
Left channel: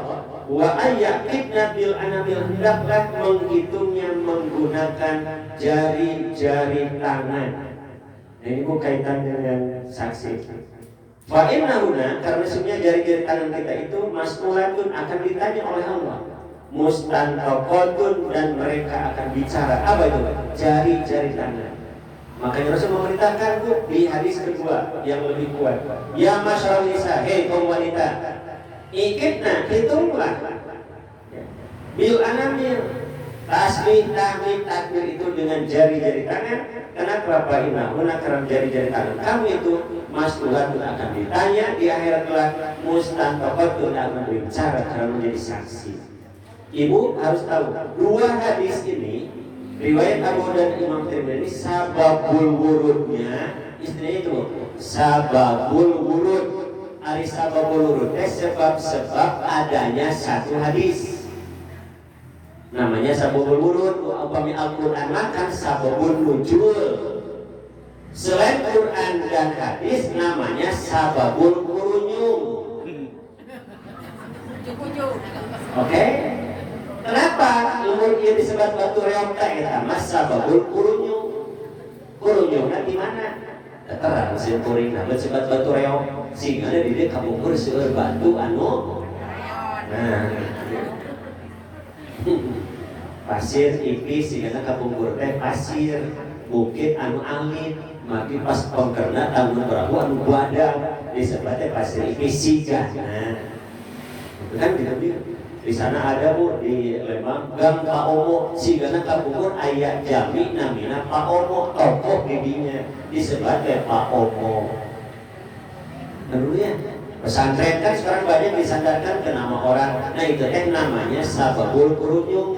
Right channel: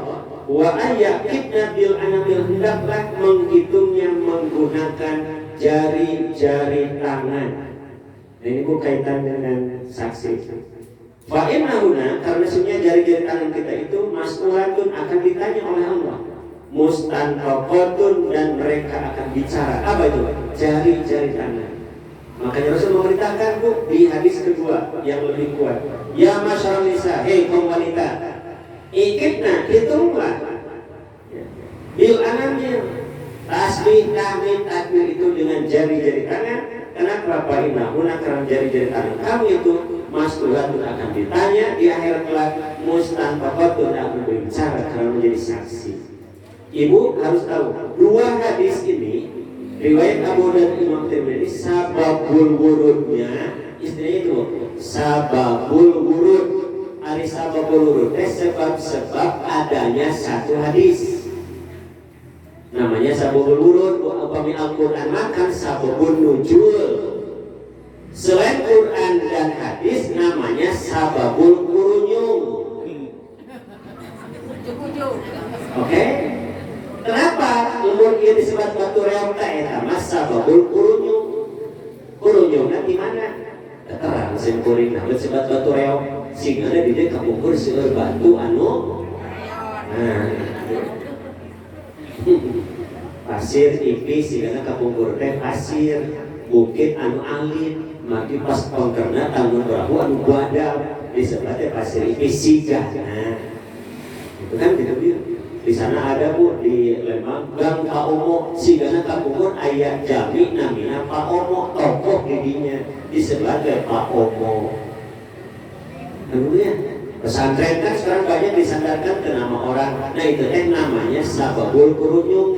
wa ayyakibna bil anamil, hendaklah menghitungnya menggunakan jari-jari tangan. Ini Bu kaitan dengan saksi. Fa innahuna, karena sebenarnya jari-jari tangan kita itu mas'ulatun, akan ditanya oleh Allah. Mustanfaqatun, dan mereka akan bicara. Apa itu? Jari-jari tangan. Makanya Rasul memerintahkan Bu di hadis kedua yang lebih kuat. Ya masyarakat nisa, hei kaum wanita, ikitna, hitunglah bil anamil, tasbih, tahmid, takbir itu dengan jari-jari tangan. Kenapa? Innahuna, karena jari-jari tangan kamu itu mas'ulatun, akan ditanya di akhirat kelak, mustanfaqatun, akan berbicara karena menjadi saksi. Ibu harus tahu 2 hadis ini, riwayat Abu dan Imam Tirmidzi, sababul wurudnya istilahnya itu sababul wurud. Ari sababul wurud sebab adanya satu hadis. Namanya sababul wurud. Upami Al-Qur'an makan sababul nuzul. Selain Quran dan hadis namanya sababul kurunyum. Oke? Kenapa lumur ieu disebut batu reog teh eta mah sababul kurunyum. Kurunyumna di mana? Terang mesin kuring nah disebut batu reog. Sehingga di dieu kabungkur seueur batu anu pasir ipis, sehingga kabungkur teh pasir, bukit anu alit, maki pas pongkerna tanggung berahu anu buadal disebut teh pasir ipis siga. Nah, itu kan di sana ada Bu di Lembang Gang Pak Omo, sigana kabungkur aya jami namina Pak Omo, tokoh didinya disebut teh Pak Omo. Kemudian pesantren kan sekarang banyak disandarkan ke nama orang. Nah itu namanya sababul kurunyum.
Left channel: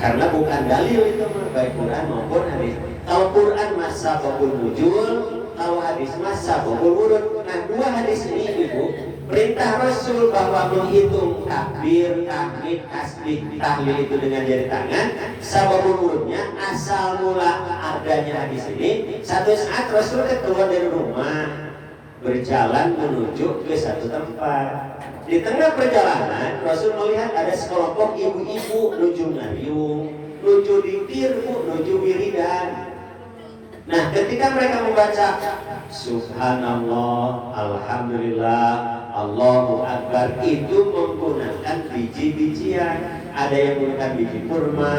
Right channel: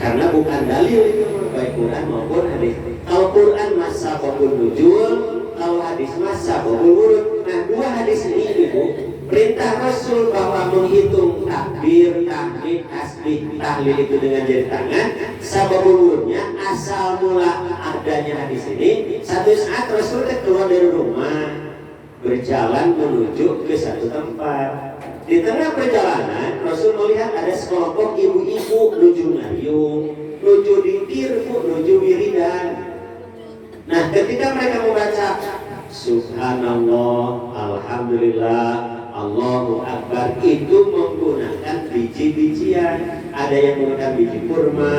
Karena bukan dalil itu baik Quran maupun hadis. Kalau Quran mas sababul nuzul, kalau hadis mas sababul wurud. Nah 2 hadis ini Ibu, perintah Rasul bahwa menghitung takbir, tahmid, tasbih, tahlil itu dengan jari tangan, sababul wurudnya asal mula adanya hadis ini. Satu saat Rasul keluar dari rumah, berjalan menuju ke satu tempat. Di tengah perjalanan Rasul melihat ada sekelompok ibu-ibu nuju ngayung, nuju ditir, nuju wiridan. Nah ketika mereka membaca Subhanallah, Alhamdulillah, Allahu Akbar, itu menggunakan biji-bijian. Ada yang menggunakan biji kurma,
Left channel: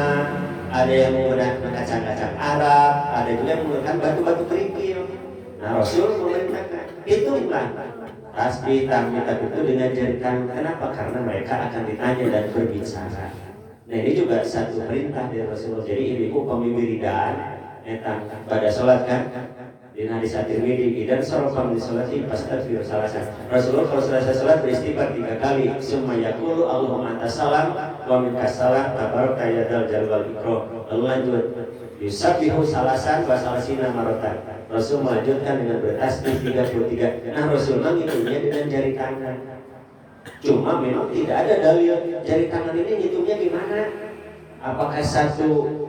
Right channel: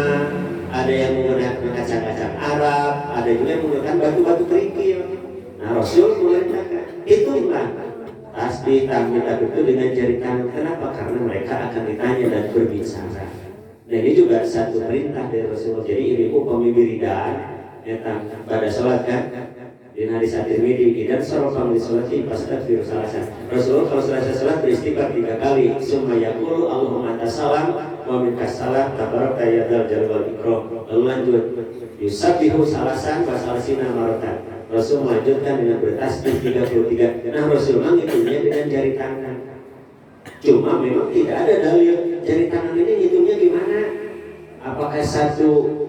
ada yang menggunakan kacang-kacang Arab, ada juga yang menggunakan batu-batu kerikil. Nah Rasul mengatakan itu tasbih, tahmid, itu dengan jari tangan. Kenapa? Karena mereka akan ditanya dan berbicara. Nah ini juga satu perintah dari Rasulullah. Jadi ibu pemibiridan pada sholat kan di hadis At-Tirmidzi, dan sorofa di sholat pasti bersalahkan. Rasulullah kalau selesai sholat beristighfar 3 kali. Summa yaqulu Allahumma anta salam wa minka salam tabaraka ya dzal jalali wal ikram. Lalu lanjut yusabbihu salasan wa salasina maratan. Rasul melanjutkan dengan bertasbih 33. Nah Rasul menghitungnya dengan jari tangan. Cuma memang tidak ada dalil jari tangan ini hitungnya gimana? Apakah satu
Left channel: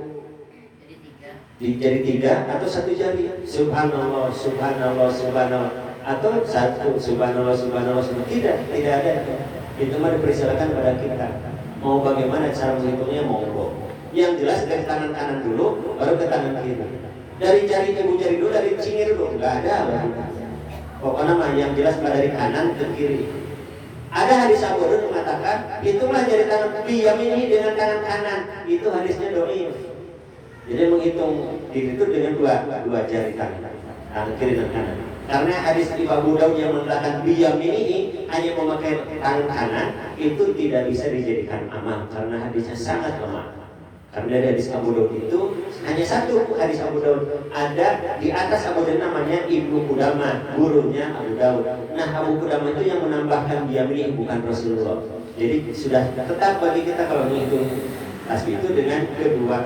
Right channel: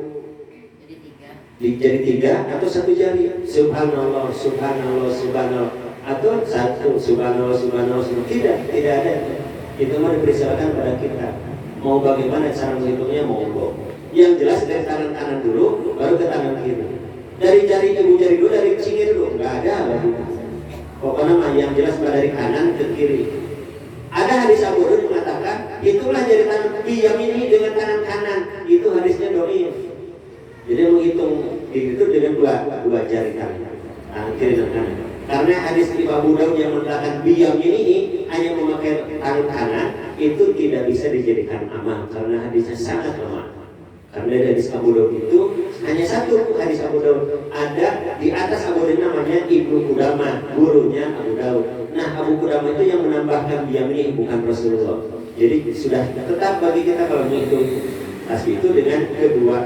di jari 3 atau satu jari? Subhanallah, Subhanallah, Subhanallah, atau satu Subhanallah, Subhanallah, Subhanallah. Tidak ada. Itu mah dipersilakan pada kita. Mau bagaimana cara menghitungnya, mau yang jelas dari tangan kanan dulu, baru ke tangan kiri. Dari jari ibu jari dulu, dari cingir dulu, nggak ada apa pokoknya mah yang jelas dari kanan ke kiri. Ada hadis Abu Hurairah mengatakan kan? Itulah dari tangan biyamini dengan tangan kanan. Itu hadisnya dhaif. Jadi menghitung itu dengan dua jari tangan kiri dan kanan. Karena hadis di Abu Daud yang mengatakan biyamini hanya memakai tangan kanan itu tidak bisa dijadikan amal karena hadisnya sangat lemah. Karena dari hadis Abu Daud itu hanya satu hadis Abu Daud, ada di atas Abu Daud namanya Ibnu Qudamah, gurunya Abu Daud. Nah, Abu Qudamah itu yang menambahkan biyamini, bukan Rasulullah. Jadi sudah tetap bagi kita kalau menghitung tasbih itu dengan kedua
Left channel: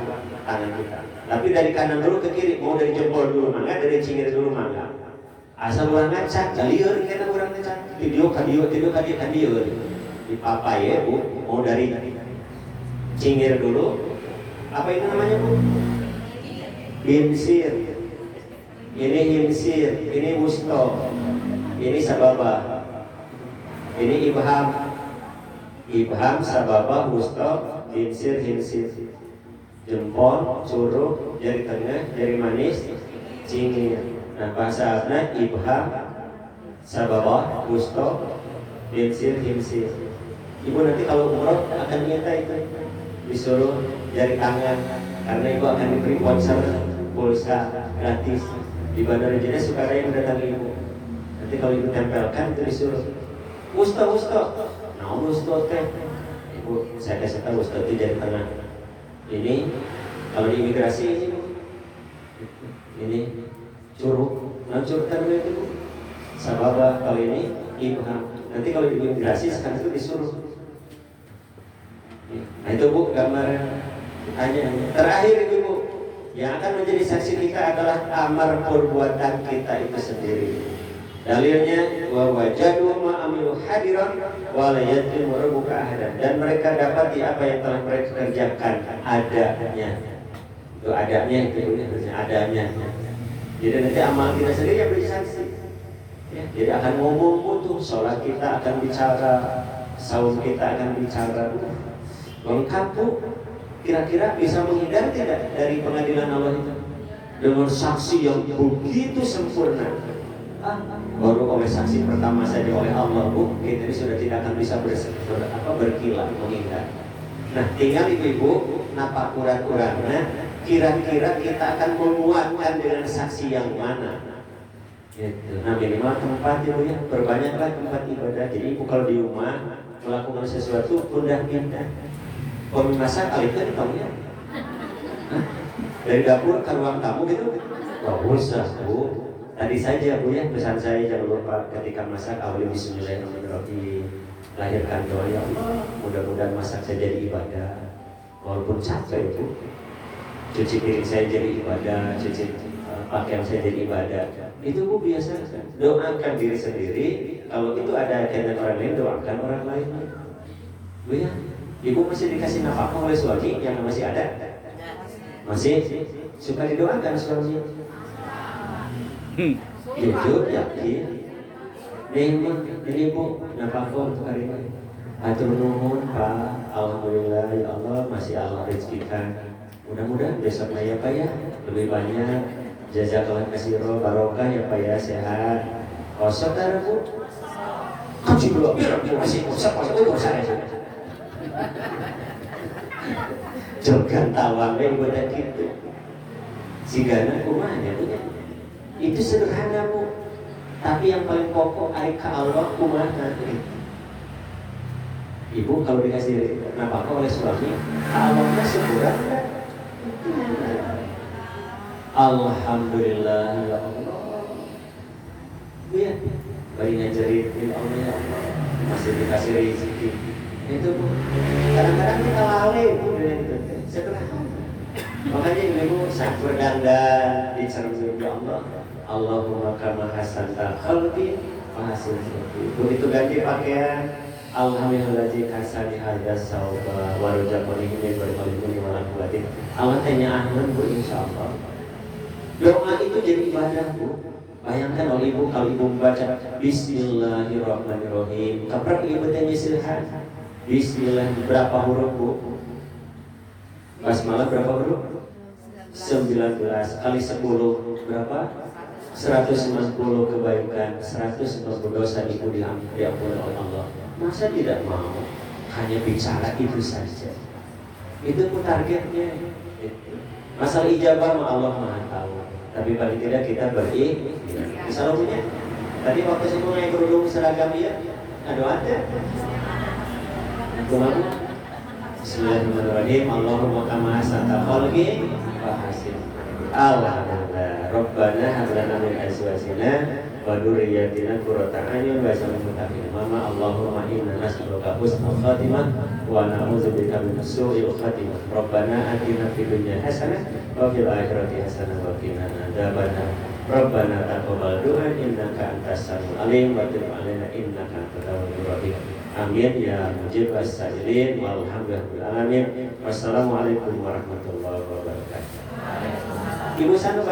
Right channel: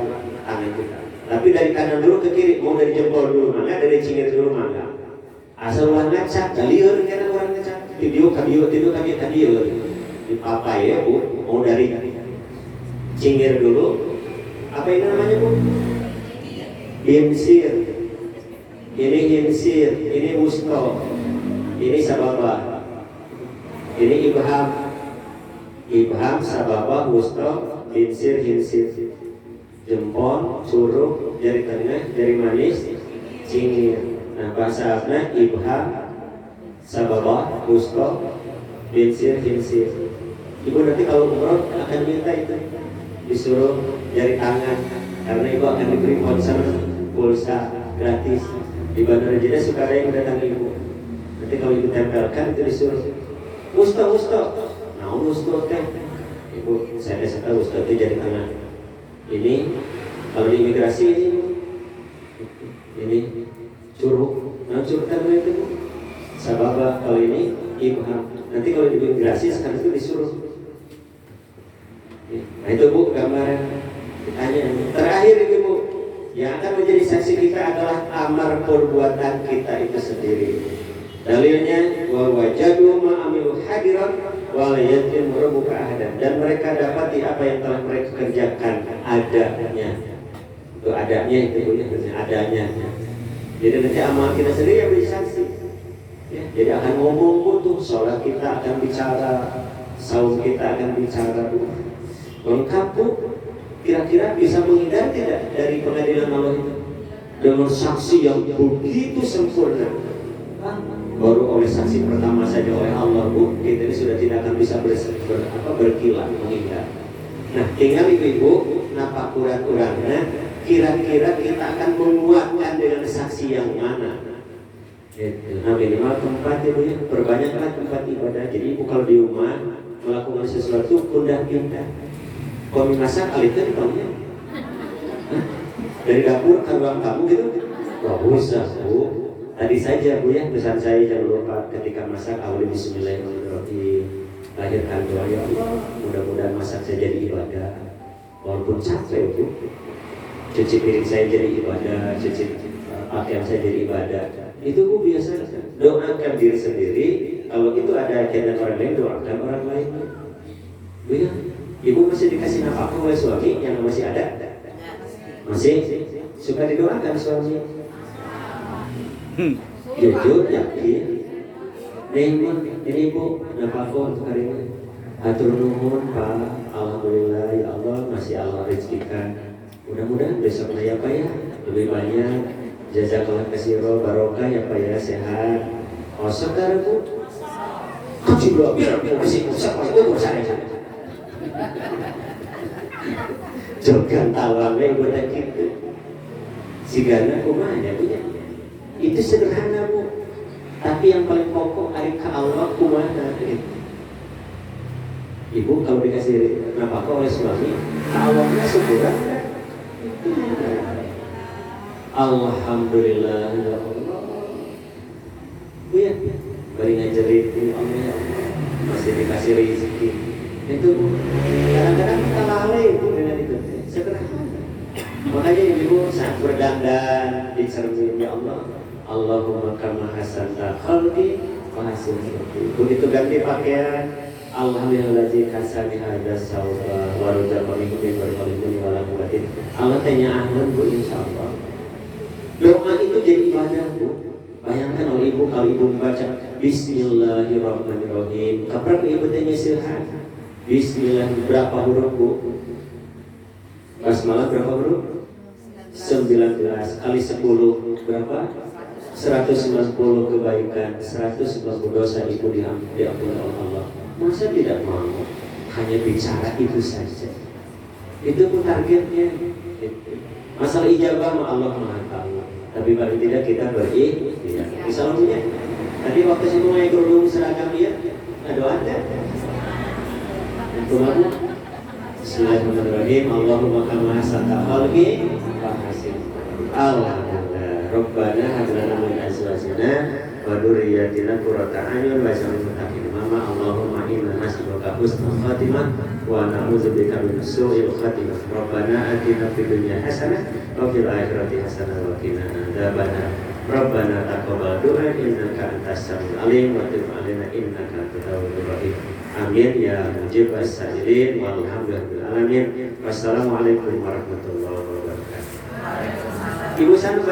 tangan kita. Tapi dari kanan dulu ke kiri, mau dari jempol dulu mangga, dari cingir dulu mangga. Asal orang ngacak, liur karena orang ngacak. Video kadio di papai ya bu, mau dari cingir dulu. Apa itu namanya bu? Hinsir. Ini hinsir, ini wusto, ini sababa, ini ibham, sababa, wusto, hinsir. Jempol, curug, jari tengah, jari manis, cingir. Nah bahasa Arabnya ibham, sababa, wusto, hinsir. Ibu nanti kalau umroh akan minta itu disuruh jari tangan karena ibu akan diberi pulsa gratis di Bandara Jeddah. Suka yang datang ibu. Nanti kalau ibu tempelkan itu disuruh wusto. Nah wusto kan ibu saya kasih tahu wusto itu jari tangan. Ini kalau di imigrasi ini curug. Nah curug kan itu sababa, kalau ini ibham. Nanti kalau di imigrasi sekarang itu disuruh. Nah itu bu gambaran ditanya. Terakhir itu bu, yang akan menjadi saksi kita adalah amar perbuatan kita itu sendiri. Dalilnya wajadu ma'amilu hadiran wala yatim rabbuka ahadan, dan mereka dapati apa yang telah mereka kerjakan adanya. Itu adanya itu adanya. Jadi nanti amal kita sendiri yang menjadi saksi. Ya, jadi akan ngomong tuh, sholat kita akan bicara, saum kita akan bicara. Lengkap bu, kira-kira bisa menghindar tidak dari pengadilan Allah itu dengan saksi yang begitu sempurna? Baru oleh saksi pertama saja oleh Allah bu, kita ini sudah tidak akan bisa berkilah menghindar. Nah tinggal ibu napa kurang-kurangnya, kira-kira kita akan menguatkan dengan saksi yang mana? Nah minimal tempat ibu ya, perbanyaklah tempat ibadah. Jadi ibu kalau di rumah melakukan sesuatu pindah-pindah. Kalau masak kalian kamu ya, dari dapur ke ruang tamu gitu, wah usah bu. Tadi saja bu ya, pesan saya jangan lupa ketika masak awali bismillahirrahmanirrahim, lahirkan doa ya Allah, mudah-mudahan masak saya jadi ibadah. Walaupun capek bu, cuci piring saya jadi ibadah, cuci pakaian saya jadi ibadah. Itu bu biasa doakan diri sendiri. Kalau itu ada ajaran orang lain, doakan orang lain. Bu ya. Ibu masih dikasih nafkah oleh suami yang masih ada? Masih? Suka didoakan suami? Jujur, yakin? Ini bu, nafkah untuk hari ini. Hatur nuhun Pak, alhamdulillah ya Allah masih Allah rezekikan. Mudah-mudahan besok ya Pak ya lebih banyak. Jazakallah kasiro barokah ya Pak ya, sehat. Kosong kan bu? Kuci dua biar aku masih kosong kalau saya. Jogan talamnya ibadah gitu. Sigana kumanya punya. Itu sederhana bu. Tapi yang paling pokok arika Allah kumanya gitu. Ibu kalau dikasih nafkah oleh suami, Allahnya syukuran. Alhamdulillah ya Allah. Ya, bari ngajarin Allah ya Allah. Masih dikasih rezeki. Itu kadang-kadang kita lalai dengan itu sederhana. Makanya ibu saat berdandan di cermin ya Allah, Allahumma kama hasanta khalqi wa hasin khulqi. Begitu ganti pakaian, alhamdulillahzi hasani hadza sauba wa razaqani min barakatin wa rahmatin. Allah tanya ahlan bu insyaallah. Doa itu jadi ibadah bu. Bayangkan oleh ibu kalau ibu membaca Bismillahirrahmanirrahim. Kapan ibu tanya silhan? Bismillah berapa huruf bu? Basmalah berapa huruf? 19 kali 10 berapa? 190 kebaikan, 190 dosa ibu diampuni oleh Allah. Masa tidak mau? hanya bicara itu saja. Itu pun targetnya. Masalah ijabah Allah Maha tahu. Tapi paling tidak kita berikhtiar. Misalnya tadi waktu saya mulai kerudung seragam dia, ada. Tuhan, Bismillahirrahmanirrahim. Allahumma kama hasanta khalqi wa hasin. Alhamdulillah. Rabbana hab lana min azwajina wa dzurriyyatina qurrata a'yun waj'alna lil muttaqina imama. Allahumma inna nas'aluka husnal khatimah wa na'udzubika min su'il khatimah. Rabbana atina fid dunya hasanah wa fil akhirati hasanah wa qina adzabannar. Rabbana taqabbal du'a innaka antas samiul alim wa tub 'alaina innaka antat tawwabur rahim. Amin ya mujib as-sa'ilin walhamdulillahil alamin. Wassalamualaikum warahmatullahi wabarakatuh. Ibu Sandu